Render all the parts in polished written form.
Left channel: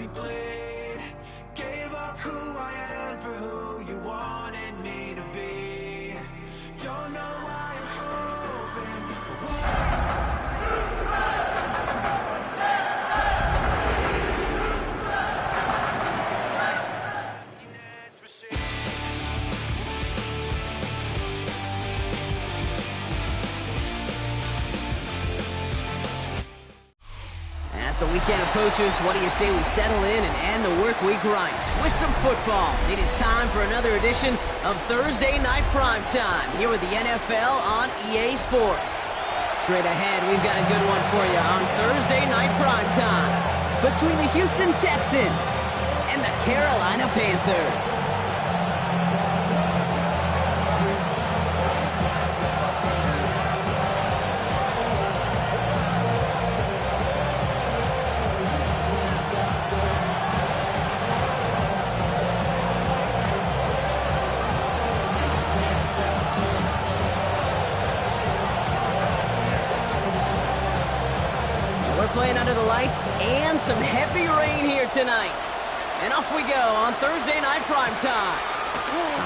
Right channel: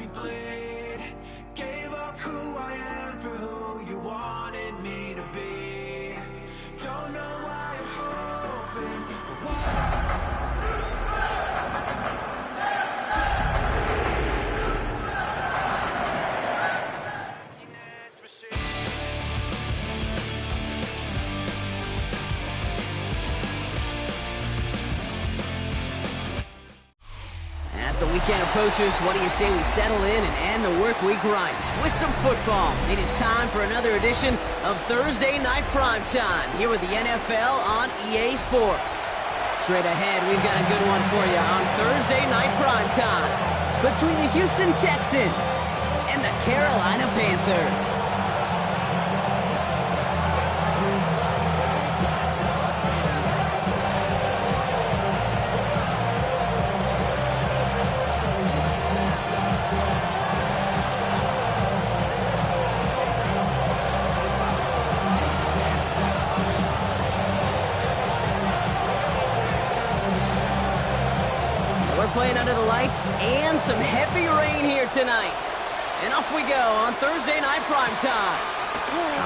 me bleed. Gave up who I am for who you wanted me to be. Don't know why I'm hoping for emptiness machine. As the weekend approaches, what do you say we settle in and end the work week right with some football? It is time for another edition of Thursday Night Primetime here with the NFL on EA Sports. Straight ahead, we've got a good one for you on Thursday Night Primetime between the Houston Texans and the Carolina Panthers. We're playing under the lights and some heavy rain here tonight. And off we go on Thursday Night Primetime.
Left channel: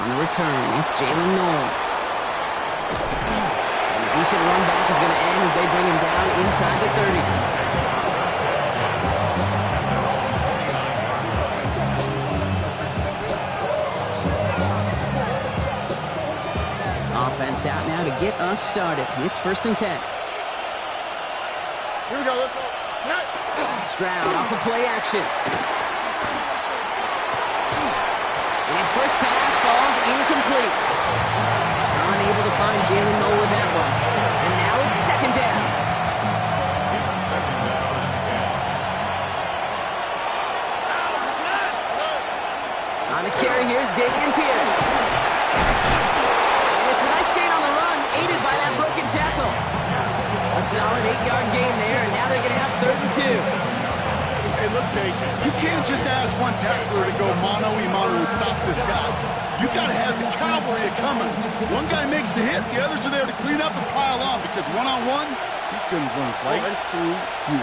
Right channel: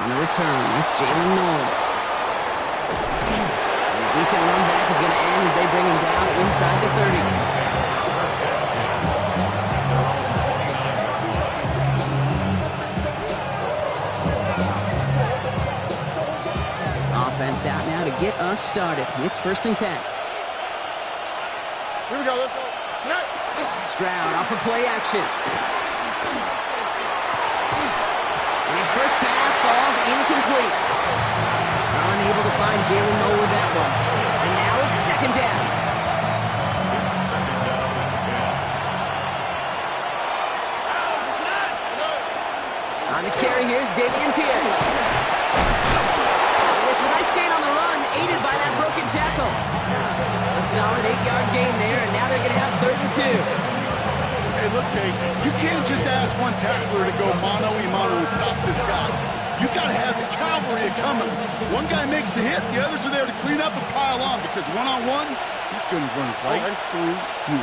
On the return, it's Jalen Noel. And a decent run back is going to end as they bring him down inside the 30. Offense out now to get us started. It's 1st and 10. Here we go, let's go. Stroud off of play action. And his first pass falls incomplete. Unable to find Jalen Noel with that one. And now it's 2nd down. It's 2nd down and 10. On the carry, here's Dameon Pierce. And it's a nice gain on the run, aided by that broken tackle. A solid 8-yard gain there, and now they're going to have 3rd and 2. Hey, look, Kate, you can't just ask one tackler to go mano-a-mano and stop this guy. You got to have the cavalry coming. One guy makes a hit, the others are there to clean up and pile on, because one-on-one, he's going to run right through you.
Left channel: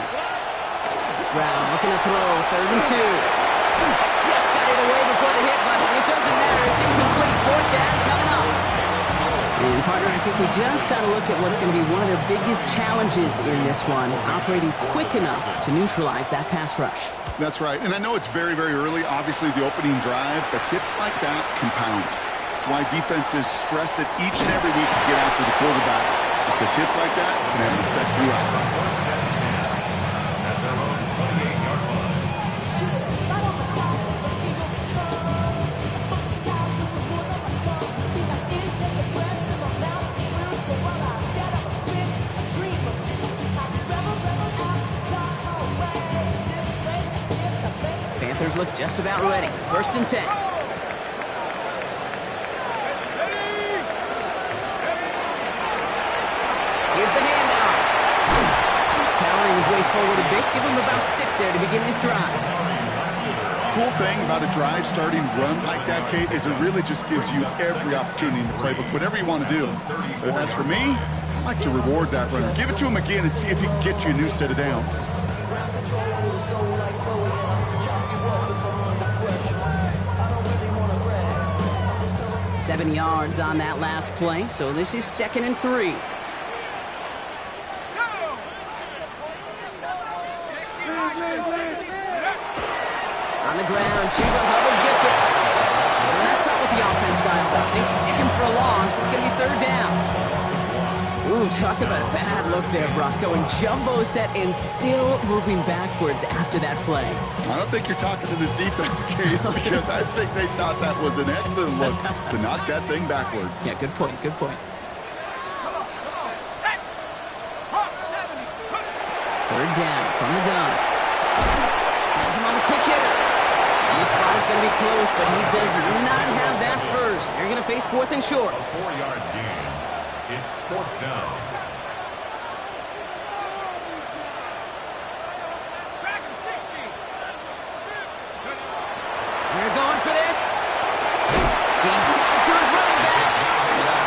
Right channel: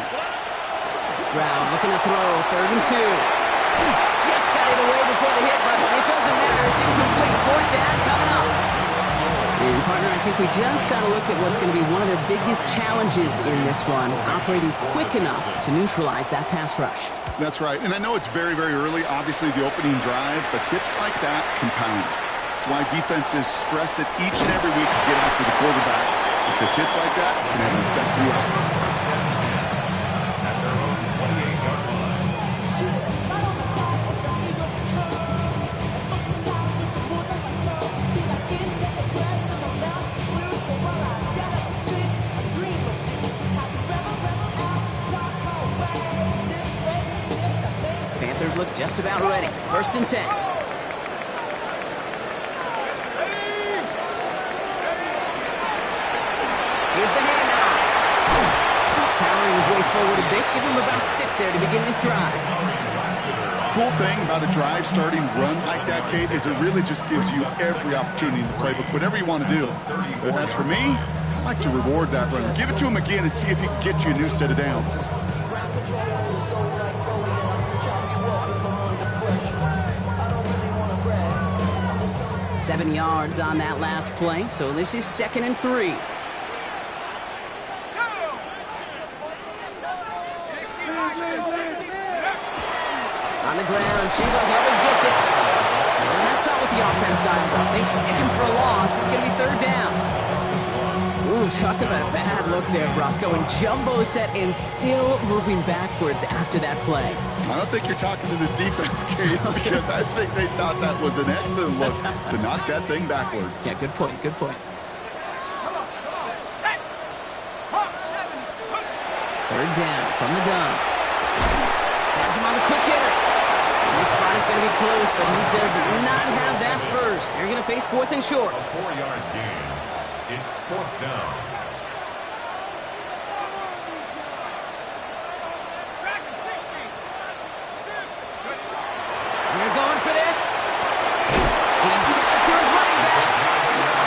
Stroud looking to throw, 3rd and 2. Just got it away before the hit, but it doesn't matter. It's incomplete. 4th down coming up. And, partner, I think we just got to look at what's going to be one of their biggest challenges in this one, operating quick enough to neutralize that pass rush. That's right, and I know it's very, very early, obviously the opening drive, but hits like that compound. That's why defenses stress it each and every week to get after the quarterback, because hits like that can have an effect throughout. 1st and 10 at their own 28-yard line. Panthers look just about ready. 1st and 10. Here's the handoff. Powering his way forward a bit. Give him about 6 there to begin this drive. Cool thing about a drive starting run like that, Kate, is it really just gives you every opportunity in the playbook, whatever you want to do. But as for me, I like to reward that runner. Give it to him again and see if he can get you a new set of downs. 7 yards on that last play, so this is 2nd and 3. On the ground, Chuba Hubbard gets it. And that's not what the offense dialed up. They stick him for a loss. It's going to be 3rd down. Ooh, talk about a bad look there, Brock. Going jumbo set and still moving backwards after that play. I don't think you're talking to this defense, Kate, because I think they thought that was an excellent look to knock that thing backwards. Yeah, good point, good point. 3rd down from the gun. Has him on the quick hitter. And this spot is going to be close, but he does not have that first. They're going to face 4th and short. A 4-yard gain. It's 4th down. They're going for this. He's got it to his running back.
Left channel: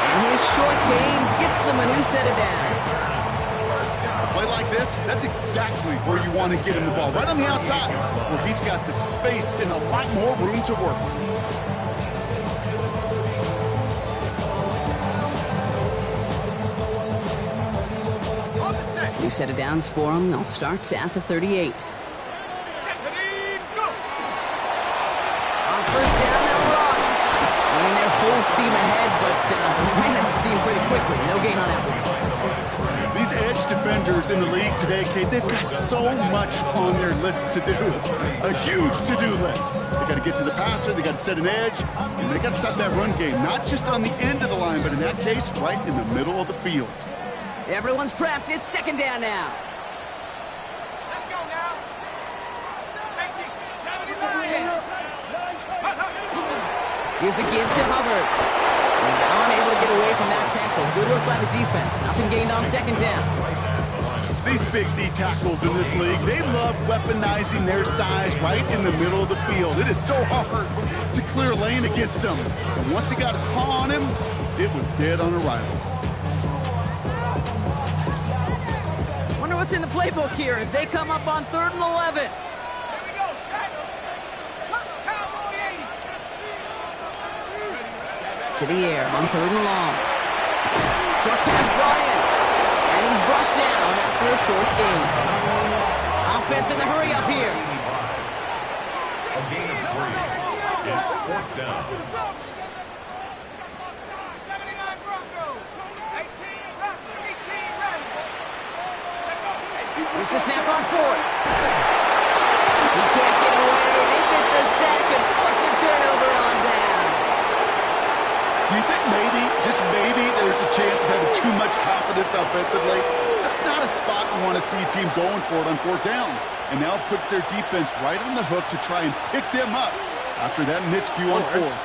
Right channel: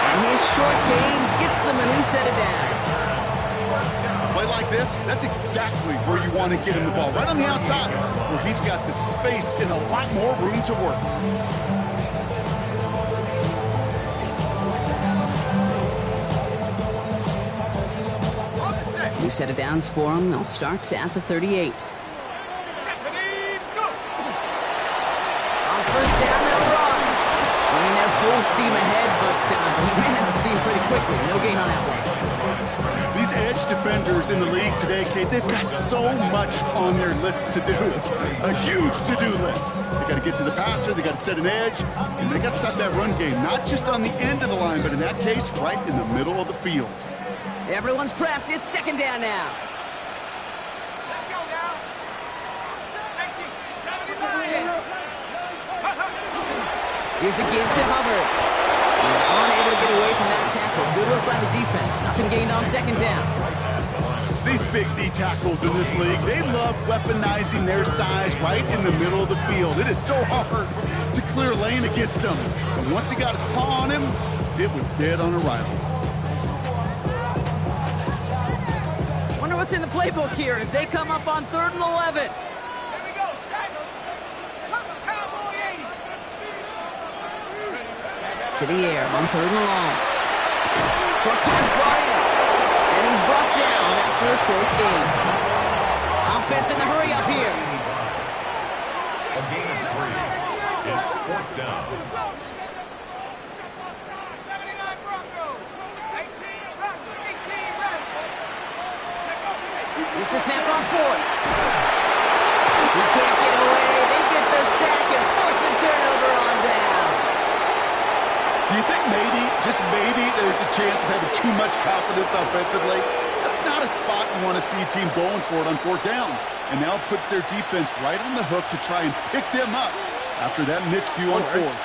And his short game gets them a new set of downs. A play like this, that's exactly where you want to get him the ball. Right on the outside, where he's got the space and a lot more room to work. New set of downs for him. They'll start at the 38. On first down, they'll run. Winning their full steam ahead, but he ran out of steam pretty quickly. No gain on that one. These edge defenders in the league today, Kate, they've got so much on their list to do. A huge to-do list. They got to get to the passer, they got to set an edge, and they got to stop that run game. Not just on the end of the line, but in that case, right in the middle of the field. Everyone's prepped. It's second down now. Let's go now. 1979. Here's a give to Hubbard. He's unable to get away from that tackle. Good work by the defense. Nothing gained on second down. These big D tackles in this league, they love weaponizing their size right in the middle of the field. It is so hard to clear lane against them. And once he got his paw on him, it was dead on arrival. Wonder what's in the playbook here as they come up on 3rd and 11. Here we go, Shaq. Cowboy 80. To the air on 3rd and long. Short pass, Bryant. And he's brought down after a short gain. Offense in the hurry up here. A gain of 3. It's 4th down. 79 Broncos. 18 Rattler. 18 Rattler. Here's the snap on 4th. He can't get away. They get the sack and force a turnover on down. Do you think maybe, just maybe, there's a chance of having too much confidence offensively? That's not a spot you want to see a team going for it on 4th down. And now it puts their defense right on the hook to try and pick them up after that miscue on 4th.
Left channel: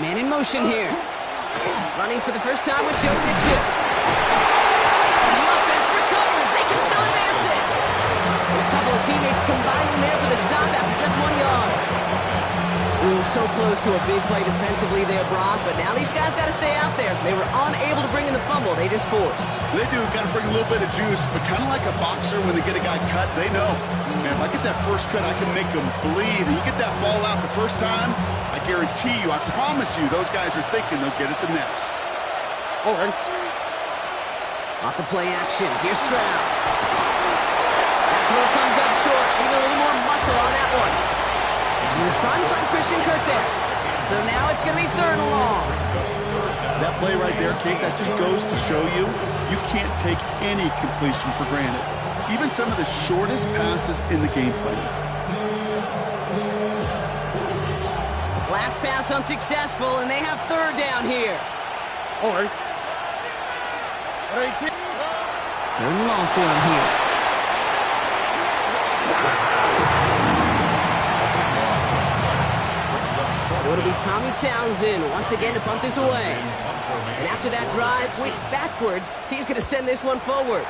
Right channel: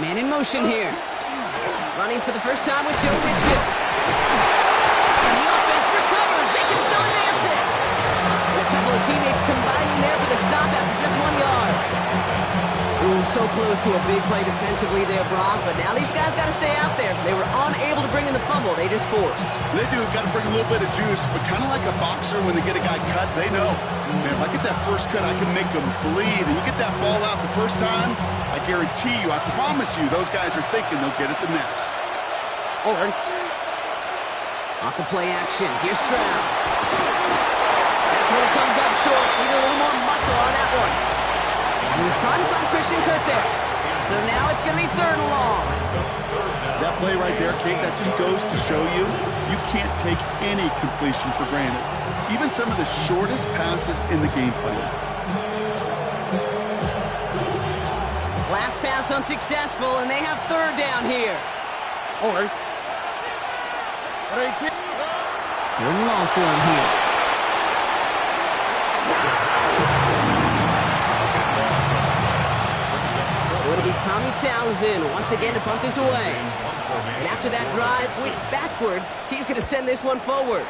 Man in motion here. Running for the first time with Joe Mixon. And the offense recovers. They can still advance it. And a couple of teammates combining there for the stop after just 1 yard. Ooh, so close to a big play defensively there, Brock, but now these guys got to stay out there. They were unable to bring in the fumble. They just forced. They do. Got to bring a little bit of juice, but kind of like a boxer when they get a guy cut, they know, man, if I get that first cut, I can make them bleed. And you get that ball out the first time, I guarantee you, I promise you, those guys are thinking they'll get it the next. All right. Off the play action. Here's Stroud. That throw comes up short. Need a little more muscle on that one. He was trying to find Christian Kirk there. So now it's going to be 3rd and long. That play right there, Kate, that just goes to show you, you can't take any completion for granted. Even some of the shortest passes in the game plan. Last pass unsuccessful, and they have 3rd down here. All right. 3rd and long for him here. So it'll be Tommy Townsend once again to punt this away. And after that drive went backwards, he's going to send this one forward.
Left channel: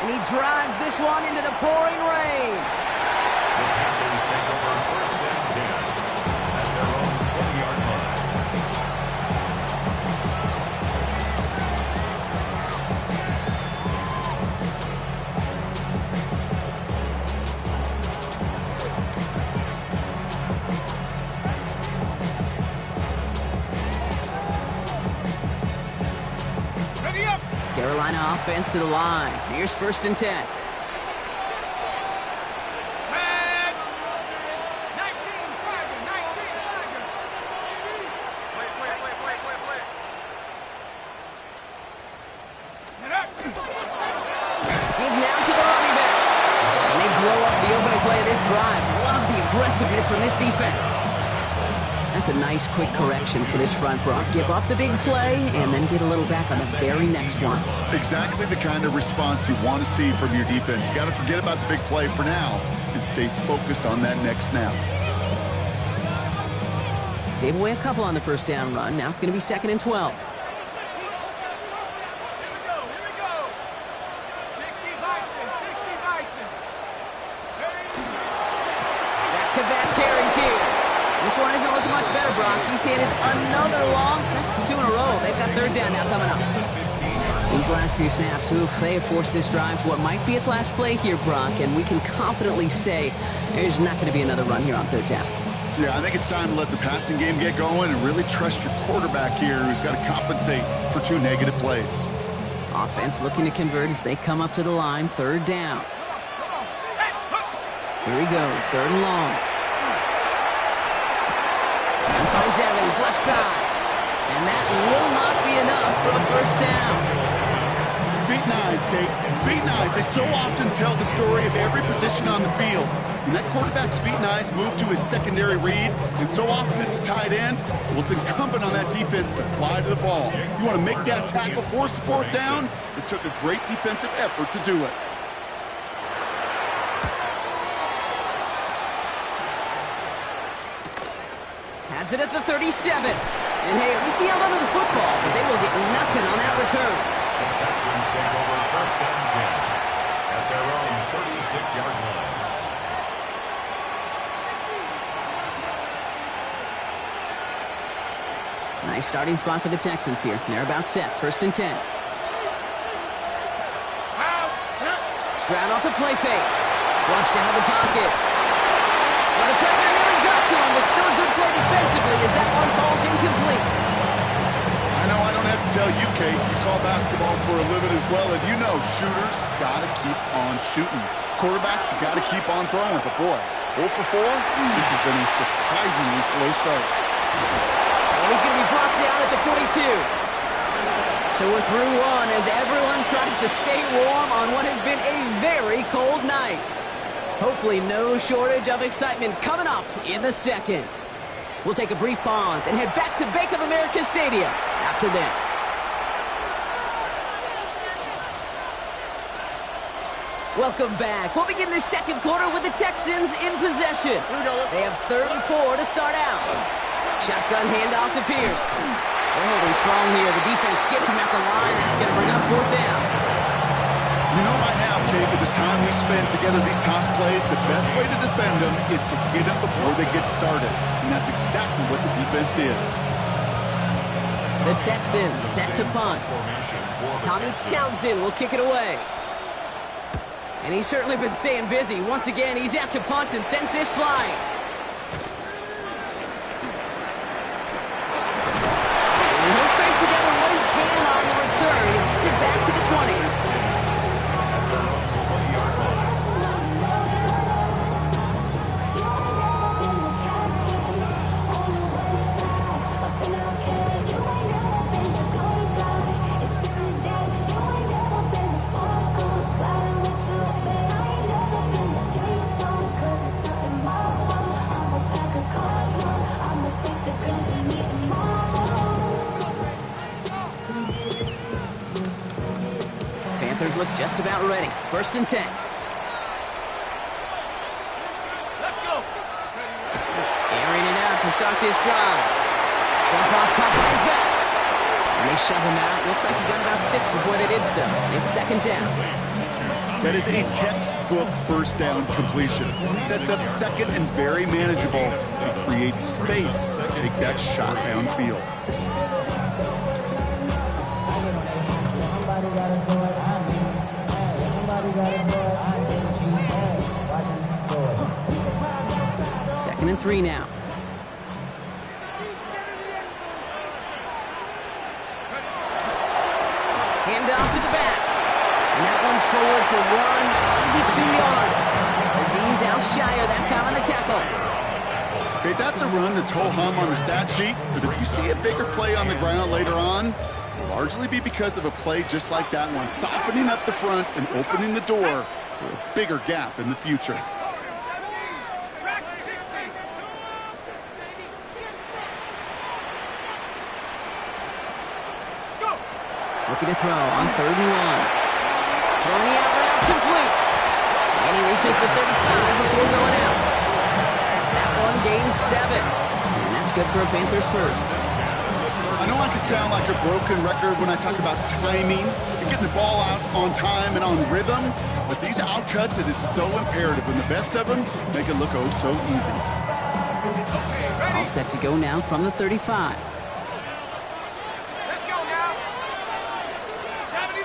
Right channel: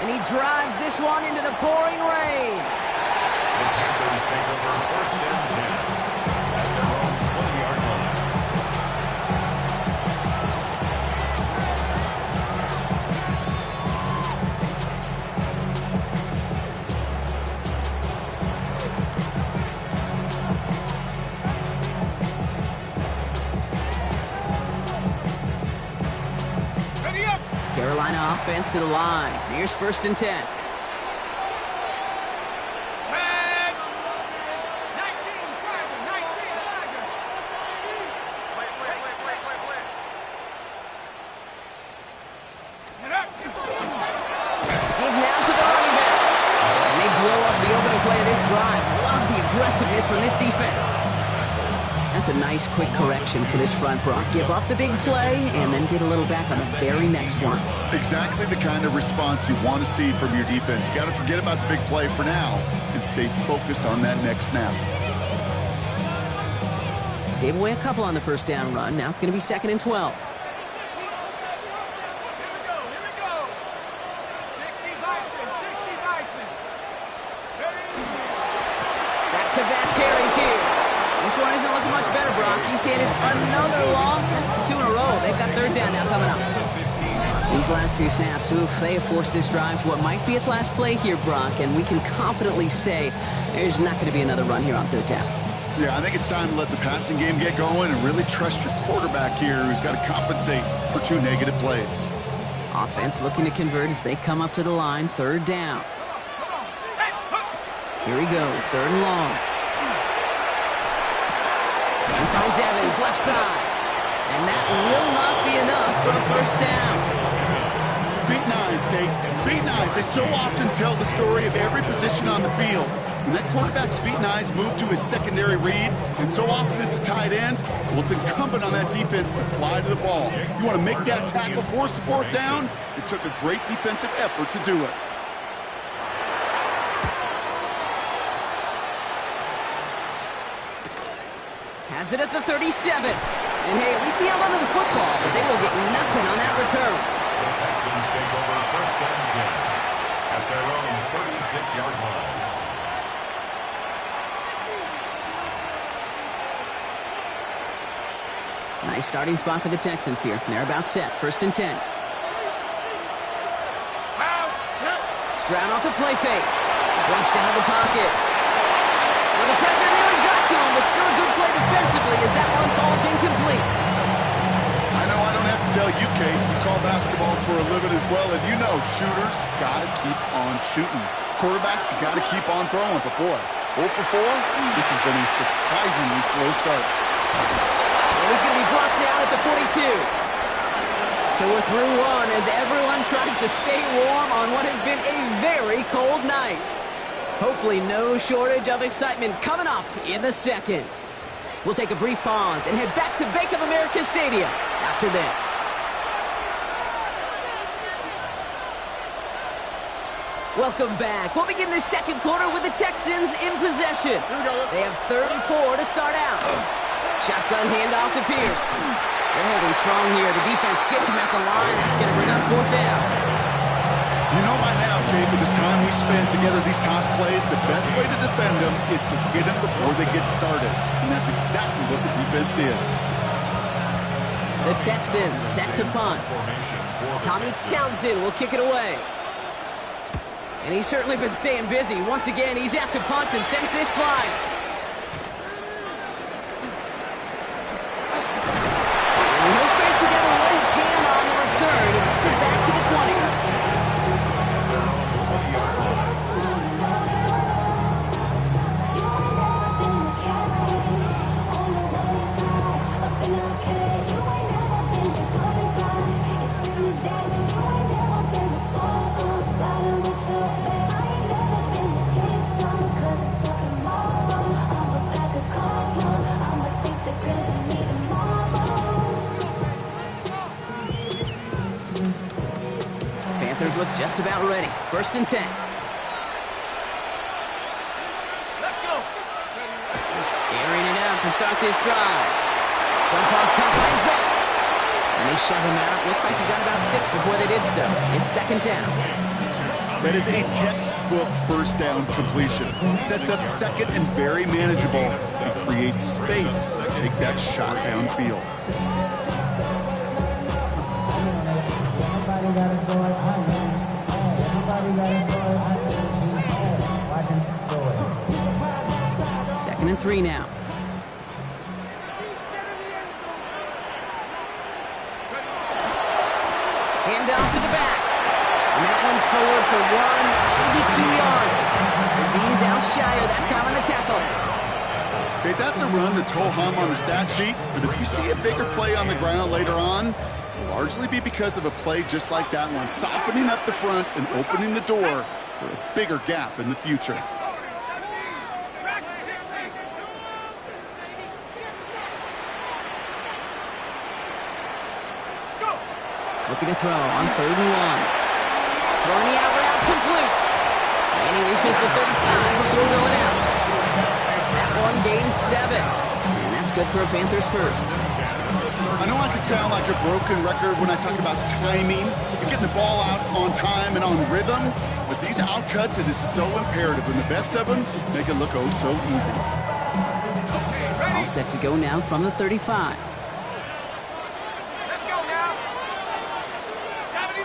And he drives this one into the pouring rain. The Panthers take over 1st and 10 at their own 20-yard line. Carolina offense to the line. Here's 1st and 10. Tag. 19 Tiger. 19 Tiger. Play. Give now to the running back. And they blow up the opening play of this drive. Love the aggressiveness from this defense. That's a nice, quick correction for this front, Brock. Give up the big play and then get a little back on the very next one. Exactly the kind of response you want to see from your defense. You got to forget about the big play for now and stay focused on that next snap. Gave away a couple on the first down run. Now it's going to be 2nd and 12. Here we go. 60 Bison. Back-to-back carries here. This one isn't looking much better, Brock. He's handed another loss. That's 2 in a row. They've got 3rd down now coming up. These last two snaps, they have forced this drive to what might be its last play here, Brock, and we can confidently say there's not going to be another run here on third down. Yeah, I think it's time to let the passing game get going and really trust your quarterback here, who's got to compensate for 2 negative plays. Offense looking to convert as they come up to the line, third down. Here he goes, third and long. He finds Evans, left side. And that will not be enough for a first down. Feet and eyes, Kate. Feet and eyes. They so often tell the story of every position on the field. When that quarterback's feet and eyes move to his secondary read, and so often it's a tight end, well, it's incumbent on that defense to fly to the ball. You want to make that tackle, force the fourth down? It took a great defensive effort to do it. Has it at the 37. And hey, at least he held onto the football, but they will get nothing on that return. The Texans take over first and 10 at their own 36-yard line. Nice starting spot for the Texans here. They're about set. First and 10. Stroud off the play fake. Flushed out of the pocket. Well, the pressure nearly got to him, but still a good play defensively as that one falls incomplete. I know I don't have to tell you, Kate. You call basketball for a living as well, and you know shooters got to keep on shooting. Quarterbacks got to keep on throwing. But boy, 0 for 4, this has been a surprisingly slow start. And he's going to be brought down at the 42. So we're through one as everyone tries to stay warm on what has been a very cold night. Hopefully no shortage of excitement coming up in the second. We'll take a brief pause and head back to Bank of America Stadium after this. Welcome back. We'll begin the second quarter with the Texans in possession. They have 3rd and 4 to start out. Shotgun handoff to Pierce. They're holding strong here. The defense gets him at the line. That's going to bring up 4th down. You know by now, Kate, with this time we spend together these toss plays, the best way to defend them is to hit them before they get started. And that's exactly what the defense did. The Texans set to punt. Tommy Townsend will kick it away. And he's certainly been staying busy. Once again, he's out to punt and sends this flying. And he'll scrape together what he can on the return and gets it back to the 20. Panthers look just about ready. 1st and 10. Let's go. Airing it out to start this drive. Jump off caught by his back. And they shove him out. Looks like he got about 6 before they did so. It's 2nd down. That is a textbook first down completion. Sets up second and very manageable. It creates space to take that shot downfield. Somebody gotta do it, I mean. Hey, somebody gotta do it, I mean. Hey, watch him do it. 2nd and 3 now. Hand off to the back. And that one's forward for 1, maybe 2 yards. Azeez out shyer that time on the tackle. Okay, that's a run that's ho-hum on the stat sheet, but if you see a bigger play on the ground later on, it'll largely be because of a play just like that one, softening up the front and opening the door for a bigger gap in the future. Looking to throw on 3rd and 1. Throwing the out route complete. And he reaches the 35 before going out. That one gains 7. And that's good for a Panthers first. I know I could sound like a broken record when I talk about timing and getting the ball out on time and on rhythm, but these outcuts, it is so imperative, and the best of them make it look oh so easy. All set to go now from the 35. Let's go now. 70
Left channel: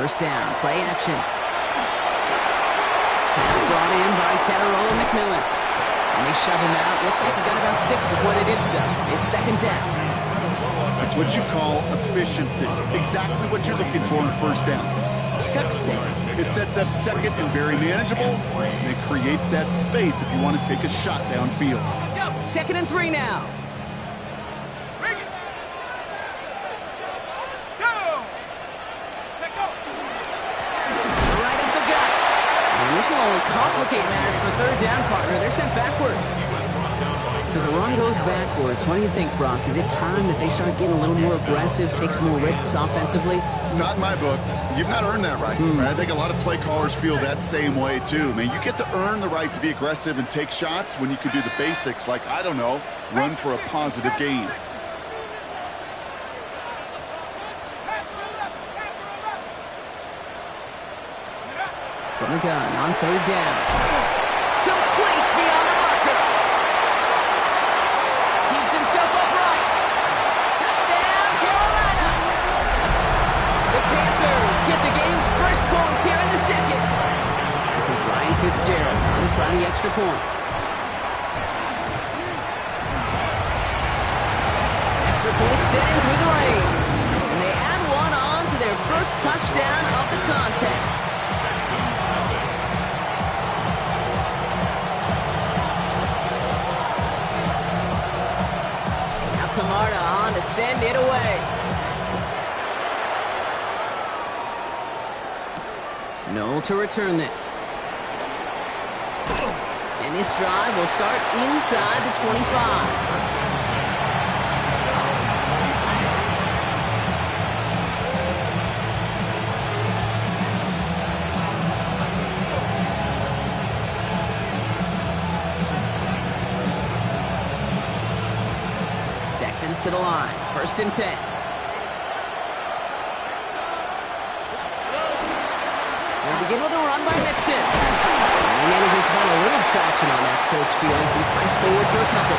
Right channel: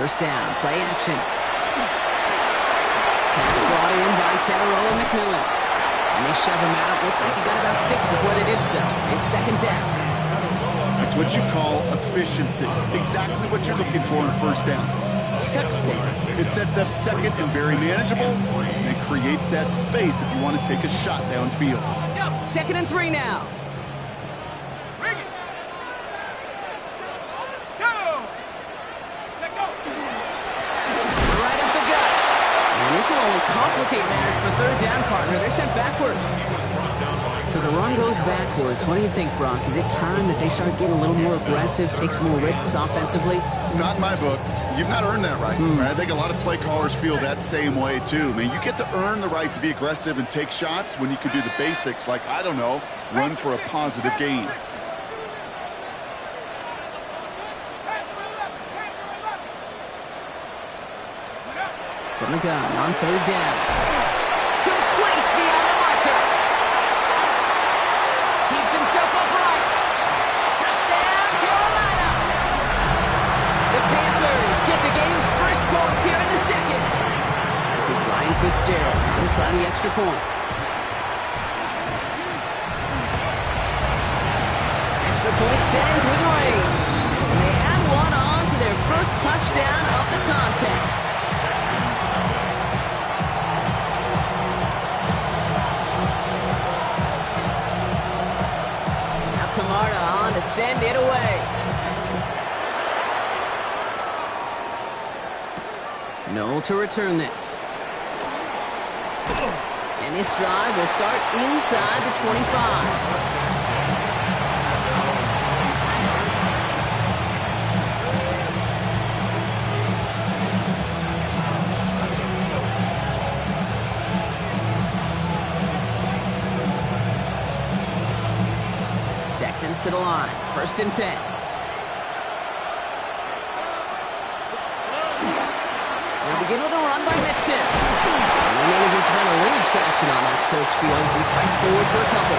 First down, play action. Pass brought in by Teteroa McMillan. And they shove him out. Looks like he got about 6 before they did so. It's second down. That's what you call efficiency. Exactly what you're looking for in first down. Textbook. It sets up second and very manageable, and it creates that space if you want to take a shot downfield. Second and 3 now. Bring it. Go. Take go. Right up the gut. And this will only complicate matters for third down, partner. They're sent backwards. So the run goes backwards. What do you think, Brock? Is it time that they start getting a little more aggressive, take some more risks offensively? Not in my book. You've not earned that right. I think a lot of play callers feel that same way, too. Man, you get to earn the right to be aggressive and take shots when you could do the basics, like, I don't know, run for a positive gain. From the gun on third down. Complete beyond the marker. Keeps himself upright. Touchdown, Carolina. The Panthers get the game's first points here in the second. This is Ryan Fitzgerald on to try the extra point. Extra point sent in through the rain. And they add one on to their first touchdown of the contest. Camarda on to send it away. Noel to return this. And this drive will start inside the 25. Texans to the line. First and 10. They'll begin with a run by Mixon. And he manages to find a little traction on that search field as he fights forward for a couple.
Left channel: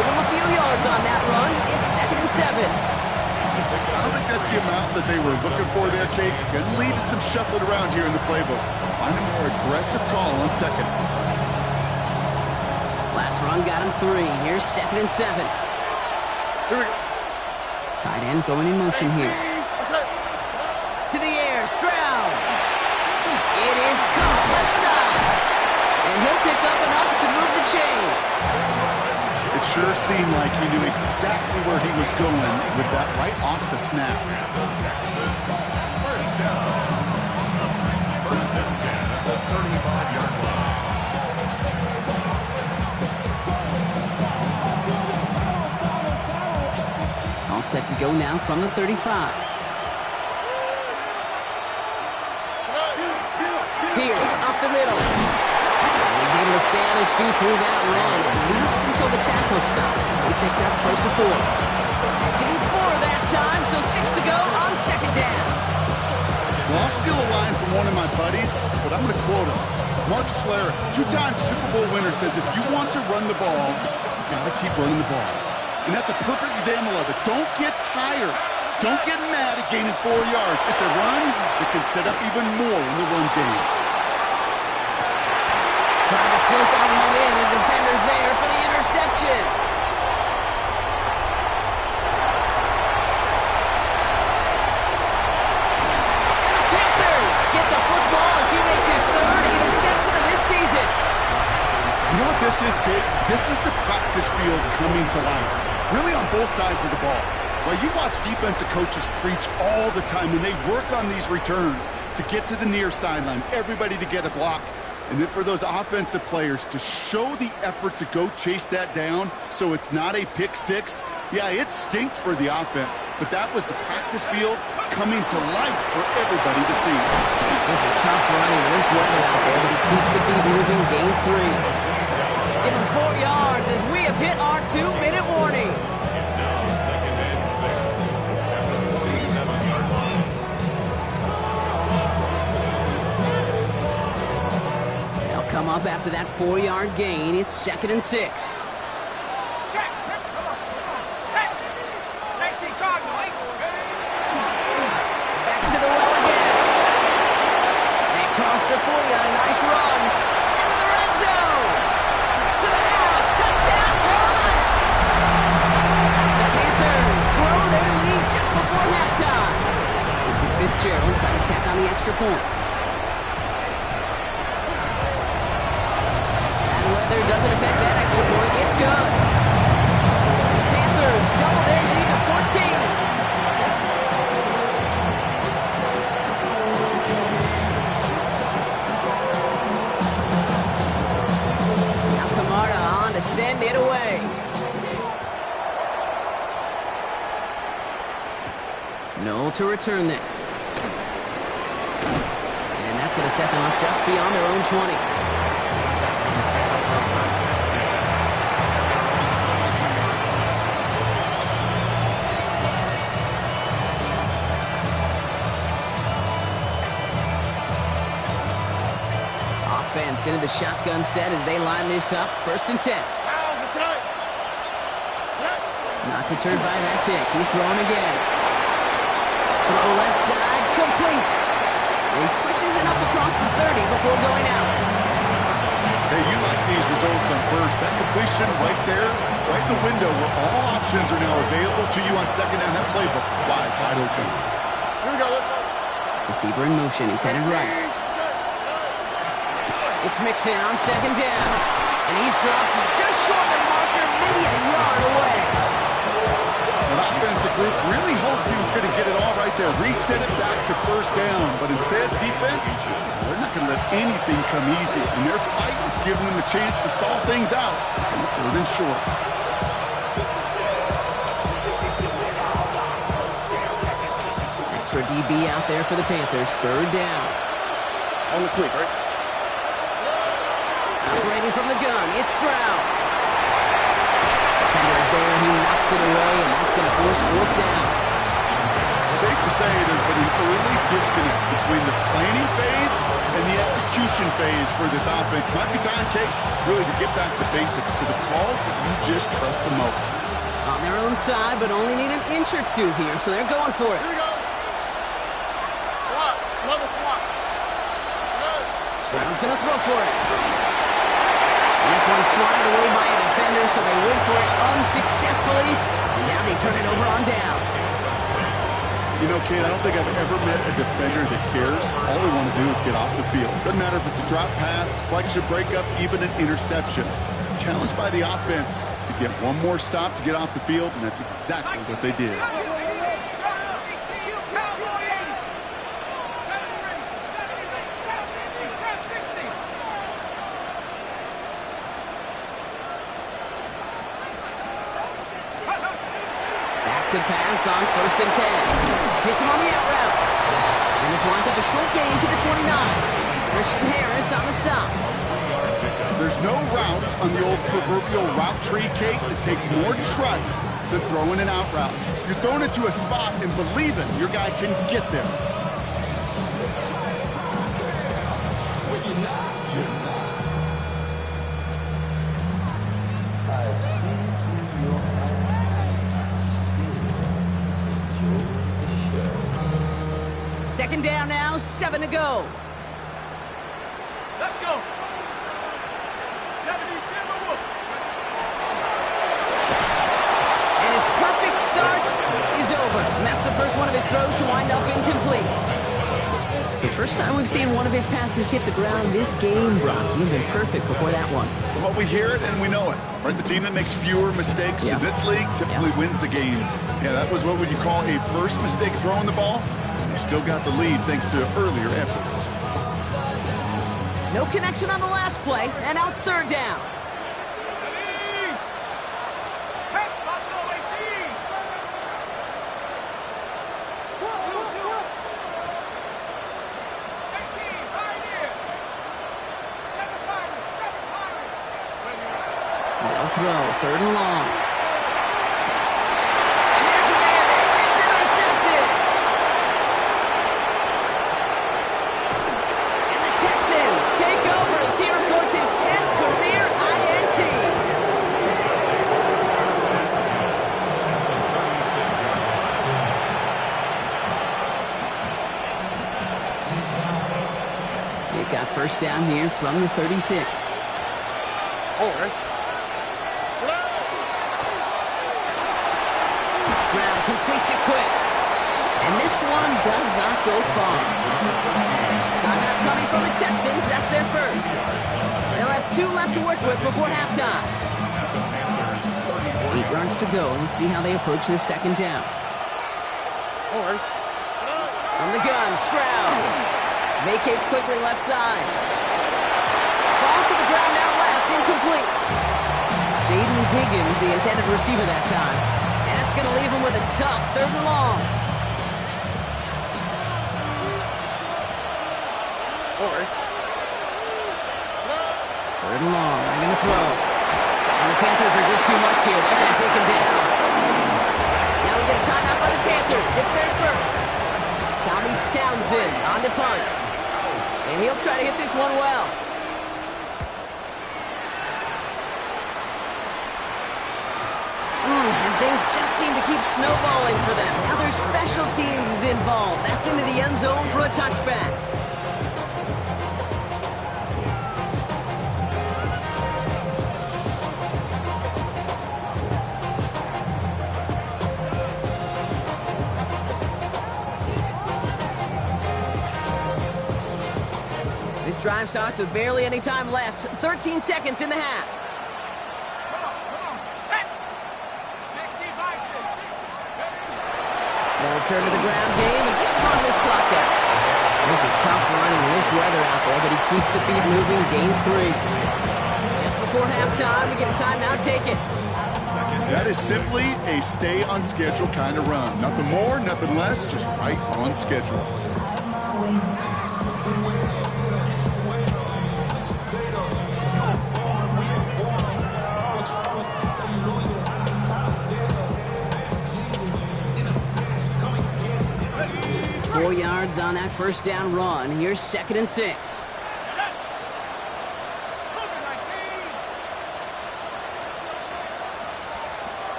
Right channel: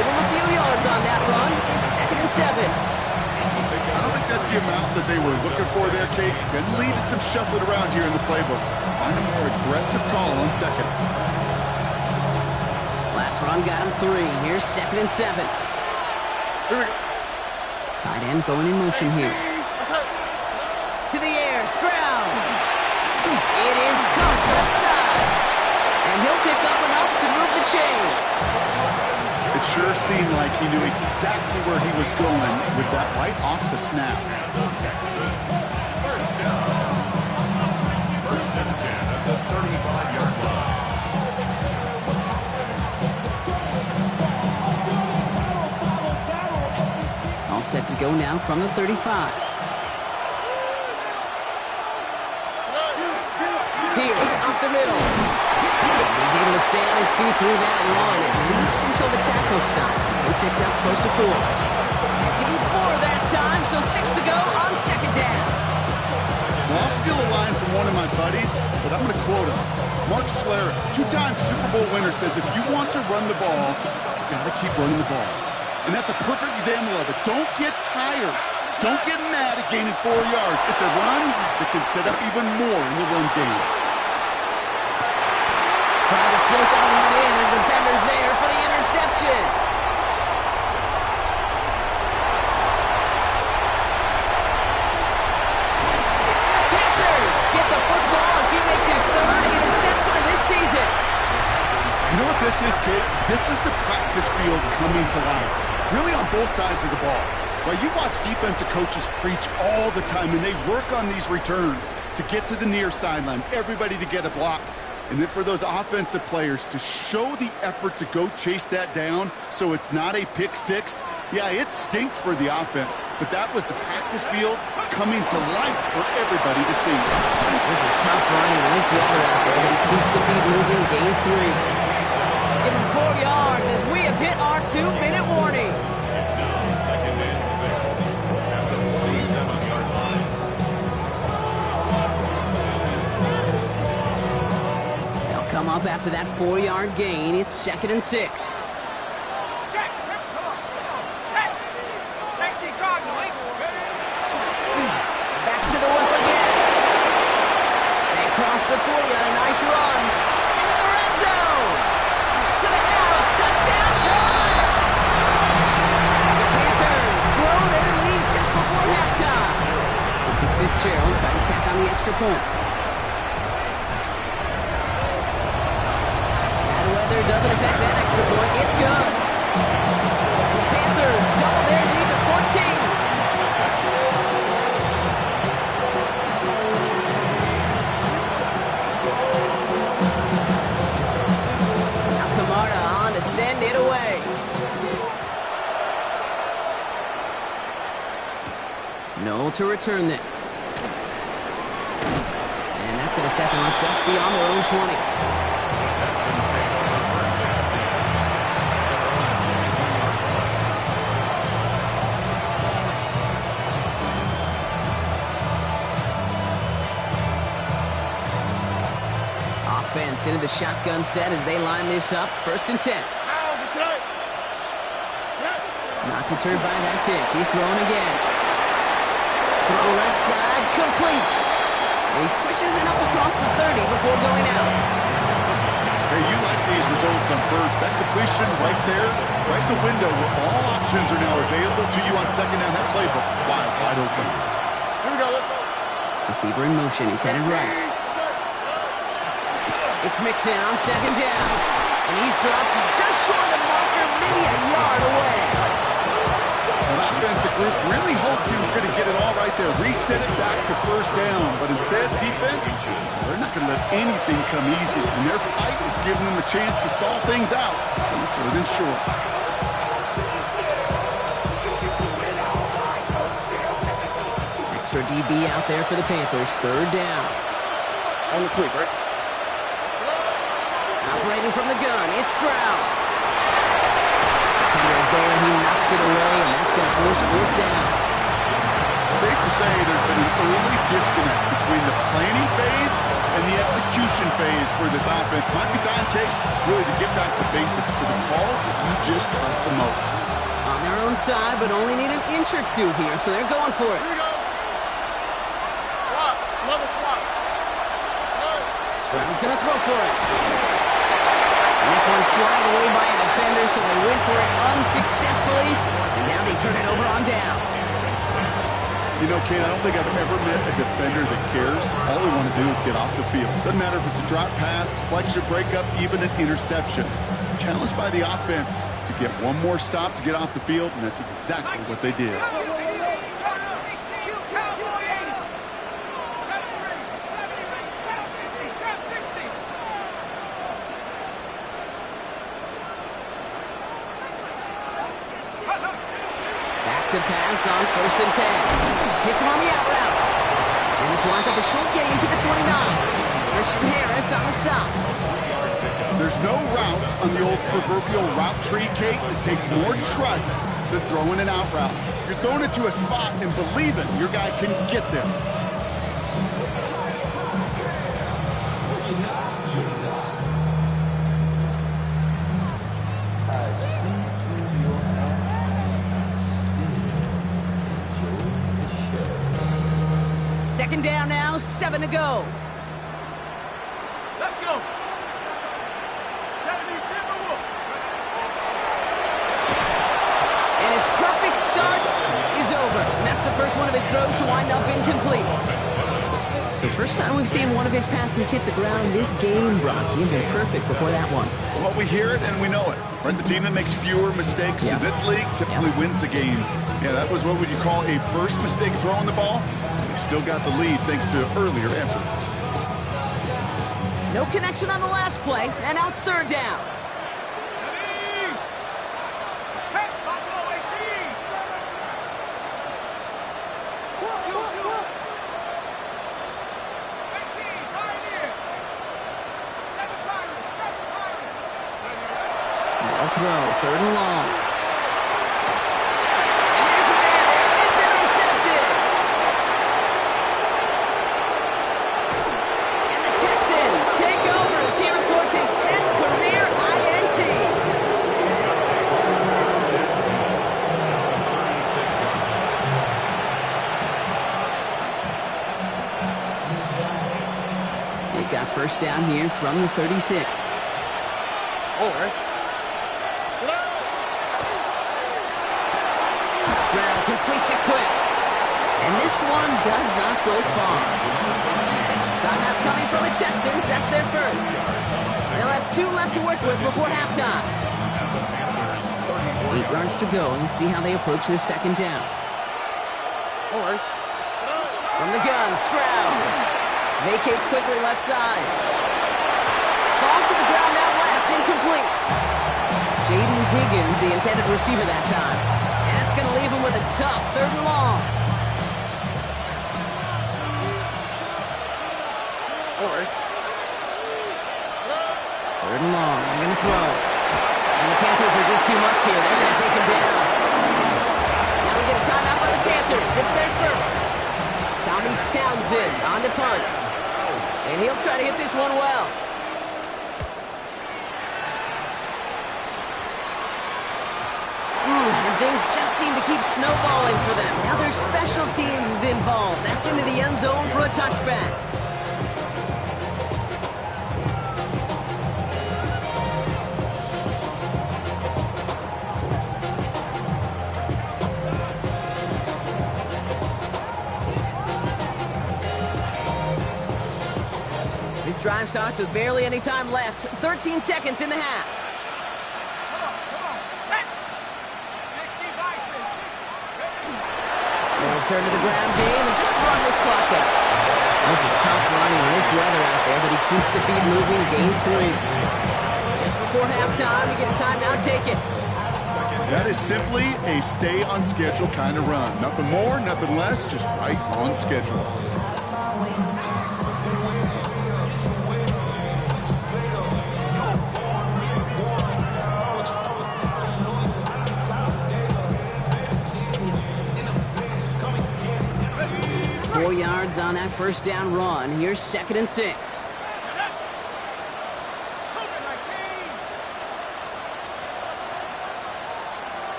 Give him a few yards on that run. It's second and 7. I don't think that's the amount that they were looking for there, Kate. Going to lead to some shuffling around here in the playbook. Find a more aggressive call on second. Last run got him 3. Here's second and 7. Tight end going in motion here. To the air, Stroud. It is caught left side. And he'll pick up enough to move the chains. It sure seemed like he knew exactly where he was going with that right off the snap. First down. First and 10 at the 35-yard line. All set to go now from the 35. Pierce up the middle. And he's able to stay on his feet through that run, at least until the tackle stops. He picked up close to 4. Give him 4 that time, so 6 to go on second down. Well, I'll steal a line from one of my buddies, but I'm going to quote him. Mark Schlereth, 2-time Super Bowl winner, says if you want to run the ball, you got to keep running the ball. And that's a perfect example of it. Don't get tired. Don't get mad at gaining 4 yards. It's a run that can set up even more in the run game. Trying to float that one in, and defender's there for the interception. And the Panthers get the football as he makes his 3rd interception of this season. You know what this is, Kate? This is the practice field coming to life. Really on both sides of the ball. Well, you watch defensive coaches preach all the time, and they work on these returns to get to the near sideline, everybody to get a block. And then for those offensive players to show the effort to go chase that down so it's not a pick 6, yeah, it stinks for the offense. But that was the practice field coming to life for everybody to see. This is tough running with this weather out there, but he keeps the feet moving, gains 3. Give him 4 yards as we have hit our 2-minute warning. It's now second and 6 at the 47-yard line. They'll come up after that 4-yard gain. It's second and 6. Check. Come on. Set. 19 Cardinal. Back to the well again. across the 40 on a nice run. Into the red zone. To the house. Touchdown, Carolina. The Panthers grow their lead just before halftime. This is Fitzgerald trying to tack on the extra point. Bad weather doesn't affect that extra point. It's good. And the Panthers double their lead to 14. To send it away. Noel to return this. And that's going to set them up just beyond their own 20. The Texans take over first and 10 at their own 22-yard line. Offense into the shotgun set as they line this up. 1st and 10. Not deterred by that pick. He's throwing again. Throw left side, complete. He pushes it up across the 30 before going out. Hey, you like these results on first. That completion right there, right in the window where all options are now available to you on second down. That playbook wide open. Here we go, let's go. Receiver in motion. He's headed right. It's Mixon on 2nd down. And he's dropped just short of the marker, maybe a yard away. An offensive group really hoped he was going to get it all right there, reset it back to 1st down. But instead, defense, they're not going to let anything come easy. And their fight is giving them a chance to stall things out. 3rd and short. Extra DB out there for the Panthers. 3rd down. On the quick, right? Operating from the gun, it's Stroud. Defender is there, he knocks it away, and that's going to force 4th down. Safe to say there's been an early disconnect between the planning phase and the execution phase for this offense. Might be time, Kate, really to get back to basics, to the calls that you just trust the most. On their own side, but only need an inch or two here, so they're going for it. Here we go. Swap. Another swap. Good. Stroud's going to throw for it. And this one's swatted away by a defender, so they went for it unsuccessfully. And now they turn it over on downs. You know, Kate, I don't think I've ever met a defender that cares. All they want to do is get off the field. Doesn't matter if it's a drop pass, deflection, breakup, even an interception. Challenged by the offense to get one more stop to get off the field, and that's exactly what they did. To pass on 1st and 10. Hits him on the out route. And this winds up a short gain to the 29. Christian Harris on the stop. There's no routes on the old proverbial route tree, Kate. It takes more trust than throwing an out route. You're throwing it to a spot and believing your guy can get there. You're not. I see through your eyes. Still enjoy the show. 2nd down now, 7 to go. Let's go. 70 Timberwolves. And his perfect start is over. And that's the first one of his throws to wind up incomplete. So first time we've seen one of his passes hit the ground this game, Brock. He'd been perfect before that one. Well, we hear it and we know it. Right? The team that makes fewer mistakes in this league typically wins the game. Yeah, that was what would you call a first mistake throwing the ball. They still got the lead thanks to earlier efforts. No connection on the last play, and now it's 3rd down. They'll throw, 3rd and long. And there's a man there. It's intercepted. And the Texans take over as he records his 10th career INT. They've got first down here from the 36. Oh, right. Stroud completes it quick. And this one does not go far. Timeout coming from the Texans. That's their first. They'll have 2 left to work with before halftime. 8 yards to go. Let's see how they approach this second down. Oh, right. From the gun, Stroud. Vacates quickly left side. Falls to the ground out left, incomplete. Jaden Higgins, the intended receiver that time. And that's going to leave him with a tough 3rd and long. Oh, right. 3rd and long. They're going to throw. And the Panthers are just too much here. They're going to take him down. Now we get a timeout by the Panthers. It's their first. Tommy Townsend on to punt. And he'll try to hit this one well. And things just seem to keep snowballing for them. Now their special teams is involved. That's into the end zone for a touchback. This drive starts with barely any time left. 13 seconds in the half. Come on. Set. 60 by 60. They'll turn to the ground game and just run this clock out. This is tough running in this weather out there, but he keeps the feet moving, gains 3. Just before halftime, we get a timeout, take it. That is simply a stay on schedule kind of run. Nothing more, nothing less, just right on schedule. 4 yards on that first down run. Here's 2nd and 6.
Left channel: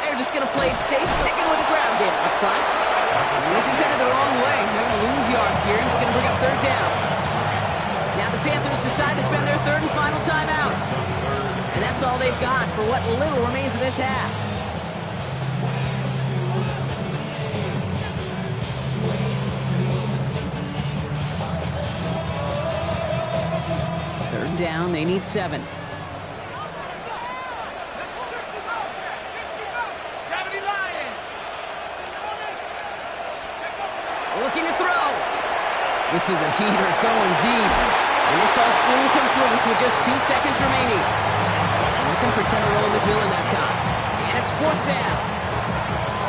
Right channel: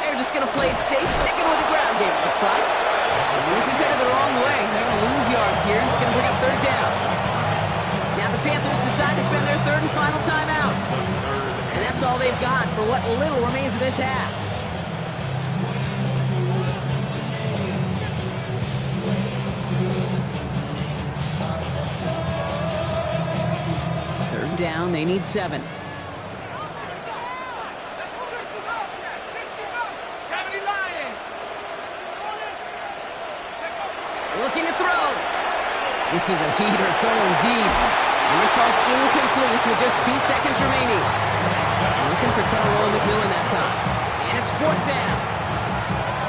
They're just going to play it safe, sticking with the ground game, it looks like. And this is headed the wrong way. They're going to lose yards here, and it's going to bring up 3rd down. Now the Panthers decide to spend their 3rd and final timeout. And that's all they've got for what little remains of this half. Third down, they need 7. Looking to throw. This is a heater going deep. And this falls incomplete with just 2 seconds remaining. Looking for Teneroa McMillan that time. And it's 4th down.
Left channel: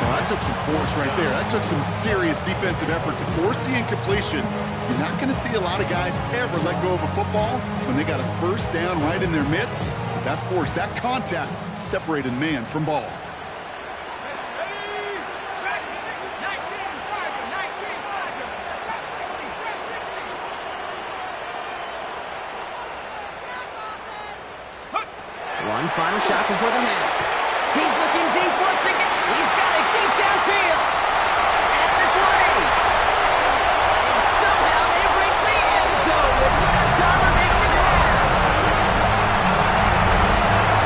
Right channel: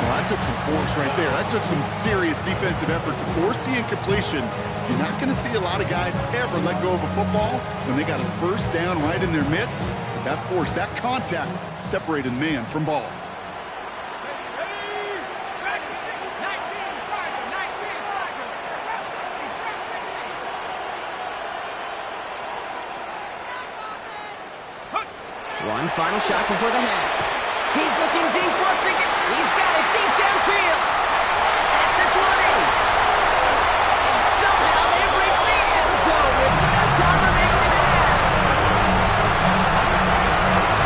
Well, that took some force right there. That took some serious defensive effort to force the incompletion. You're not going to see a lot of guys ever let go of a football when they got a first down right in their midst. But that force, that contact, separated man from ball. One final shot before the half. He's looking deep once again. He's got it deep downfield. At the 20. And somehow they've reached the end zone with no time remaining in the half.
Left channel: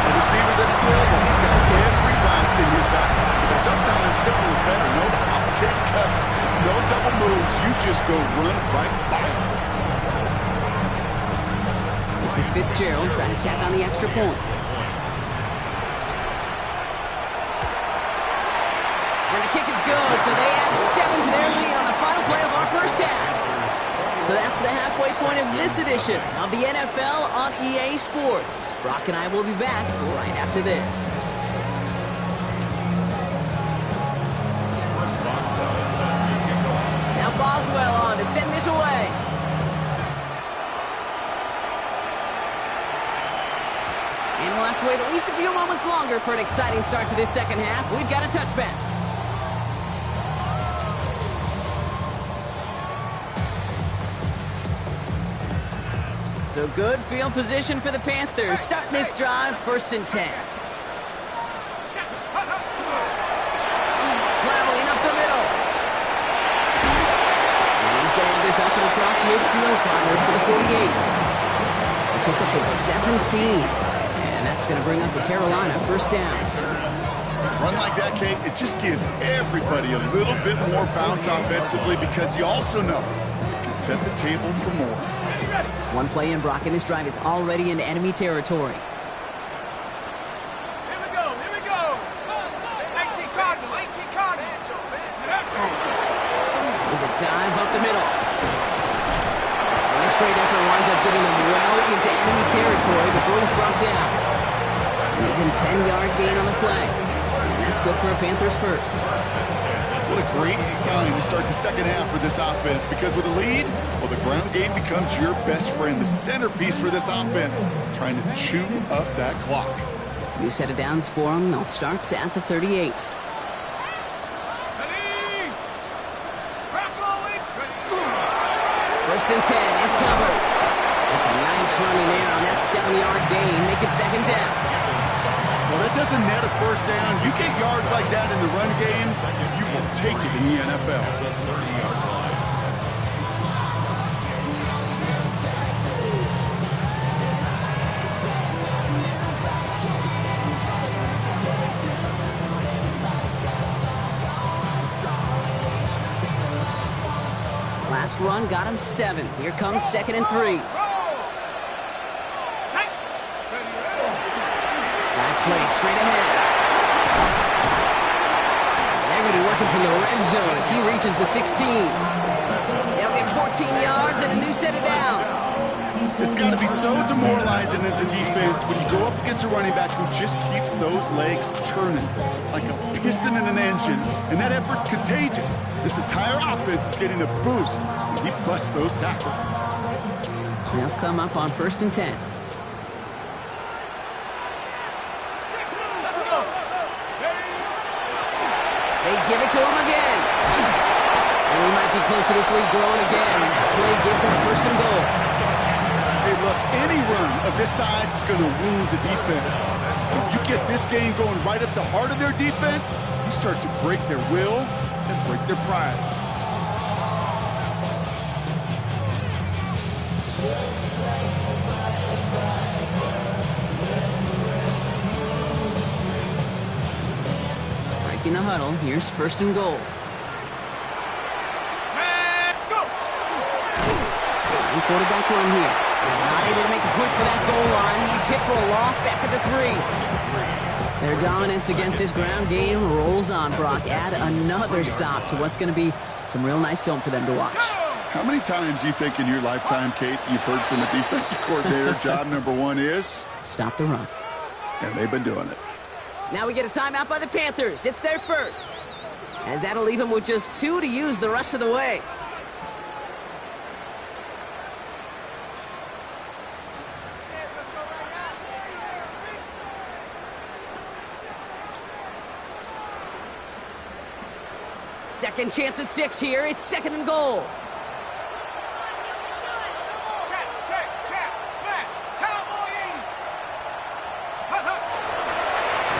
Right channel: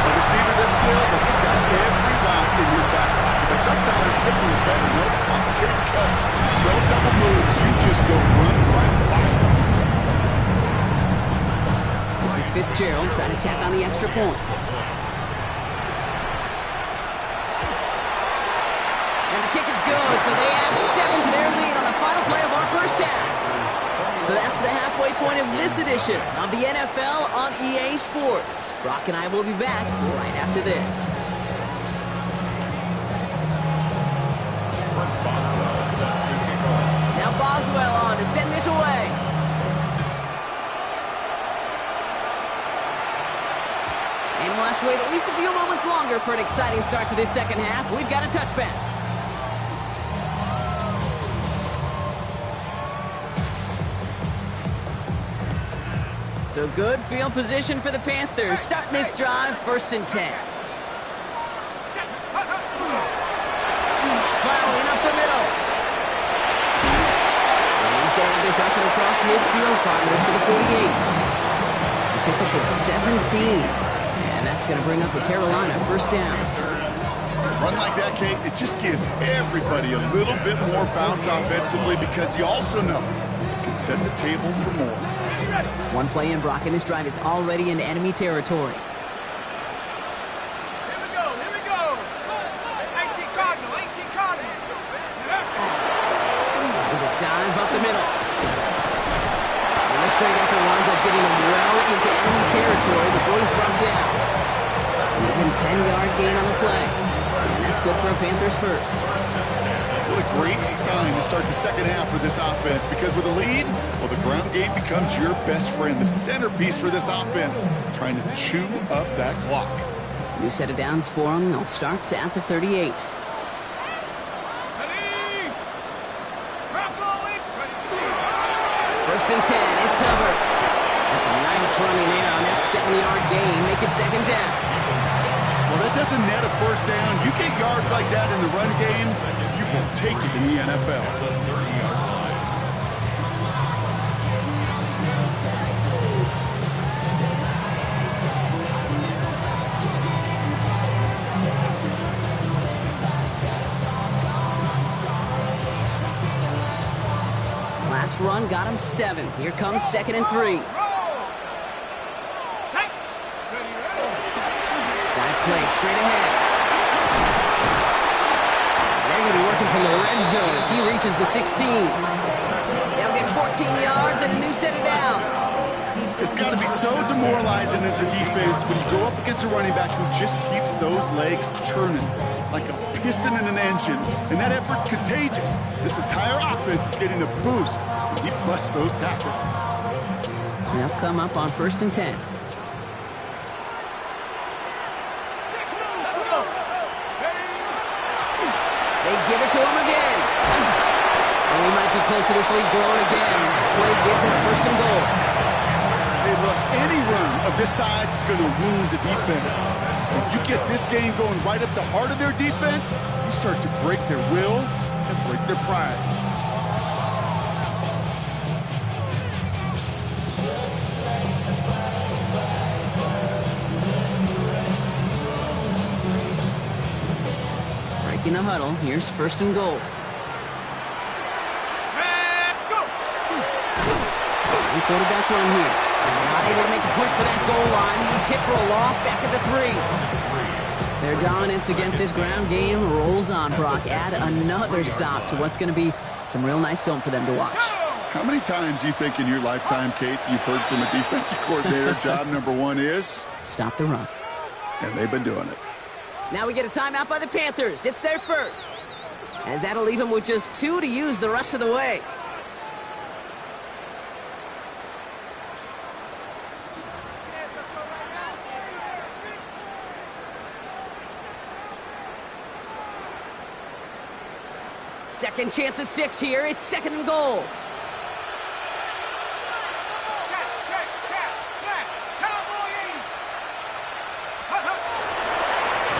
A receiver this skilled, but he's got every route in his back pocket. But sometimes simple is better. No complicated cuts, no double moves. You just go run right by him. This is Fitzgerald trying to tack on the extra point. And the kick is good, so they add 7 to their lead on the final play of our first half. So that's the halfway point of this edition of the NFL on EA Sports. Brock and I will be back right after this. Boswell set to kick off. Now Boswell on to send this away. And we'll have to wait at least a few moments longer for an exciting start to this second half. We've got a touchback. So good field position for the Panthers. Starting this drive, 1st and 10. Plowing up the the middle. And he's going to have this up and across midfield, partner, to the 48. A pickup of 17. And that's going to bring up the Carolina first down. Run like that, Kate, it just gives everybody a little bit more bounce offensively because you also know it can set the table for more. One play in, Brock, and this drive is already into enemy territory. Here we go. 18 Cardinal. There's a dive up the middle. And this great effort winds up getting him well into enemy territory before he's brought down. An even 10-yard gain on the play. And that's good for a Panthers first. What a great sign to start the second half for this offense, because with a lead, well, the ground game becomes your best friend, the centerpiece for this offense, trying to chew up that clock. New set of downs for them. They'll start at the 38. First and 10, it's Hubbard. That's a nice running there on that 7-yard gain. Make it second down. Well, that doesn't net a first down. You get yards like that in the run game, you will take it in the NFL. The 30-yard line. Last run got him 7. Here comes second and 3. Dive play straight ahead. They're going to be working from the red zone as he reaches the 16. They'll get 14 yards and a new set of downs. It's got to be so demoralizing as a defense when you go up against a running back who just keeps those legs churning like a piston in an engine, and that effort's contagious. This entire offense is getting a boost when he busts those tackles. They'll come up on first and 10. They give it to him again. And we might be close to this lead growing again. That play gives him a first and goal. Hey, look, any run of this size is going to wound the defense. If you get this game going right up the heart of their defense, you start to break their will and break their pride. Breaking the huddle. Here's first and goal. Second quarterback run here. Not able to make a push for that goal line. He's hit for a loss back at the 3. Their dominance against his ground game rolls on, Brock. Add another stop to what's going to be some real nice film for them to watch. How many times do you think in your lifetime, Kate, you've heard from a defensive coordinator, job number 1 is? Stop the run. And they've been doing it. Now we get a timeout by the Panthers. It's their first. As that'll leave them with just 2 to use the rest of the way. Second chance at 6 here. It's second and goal.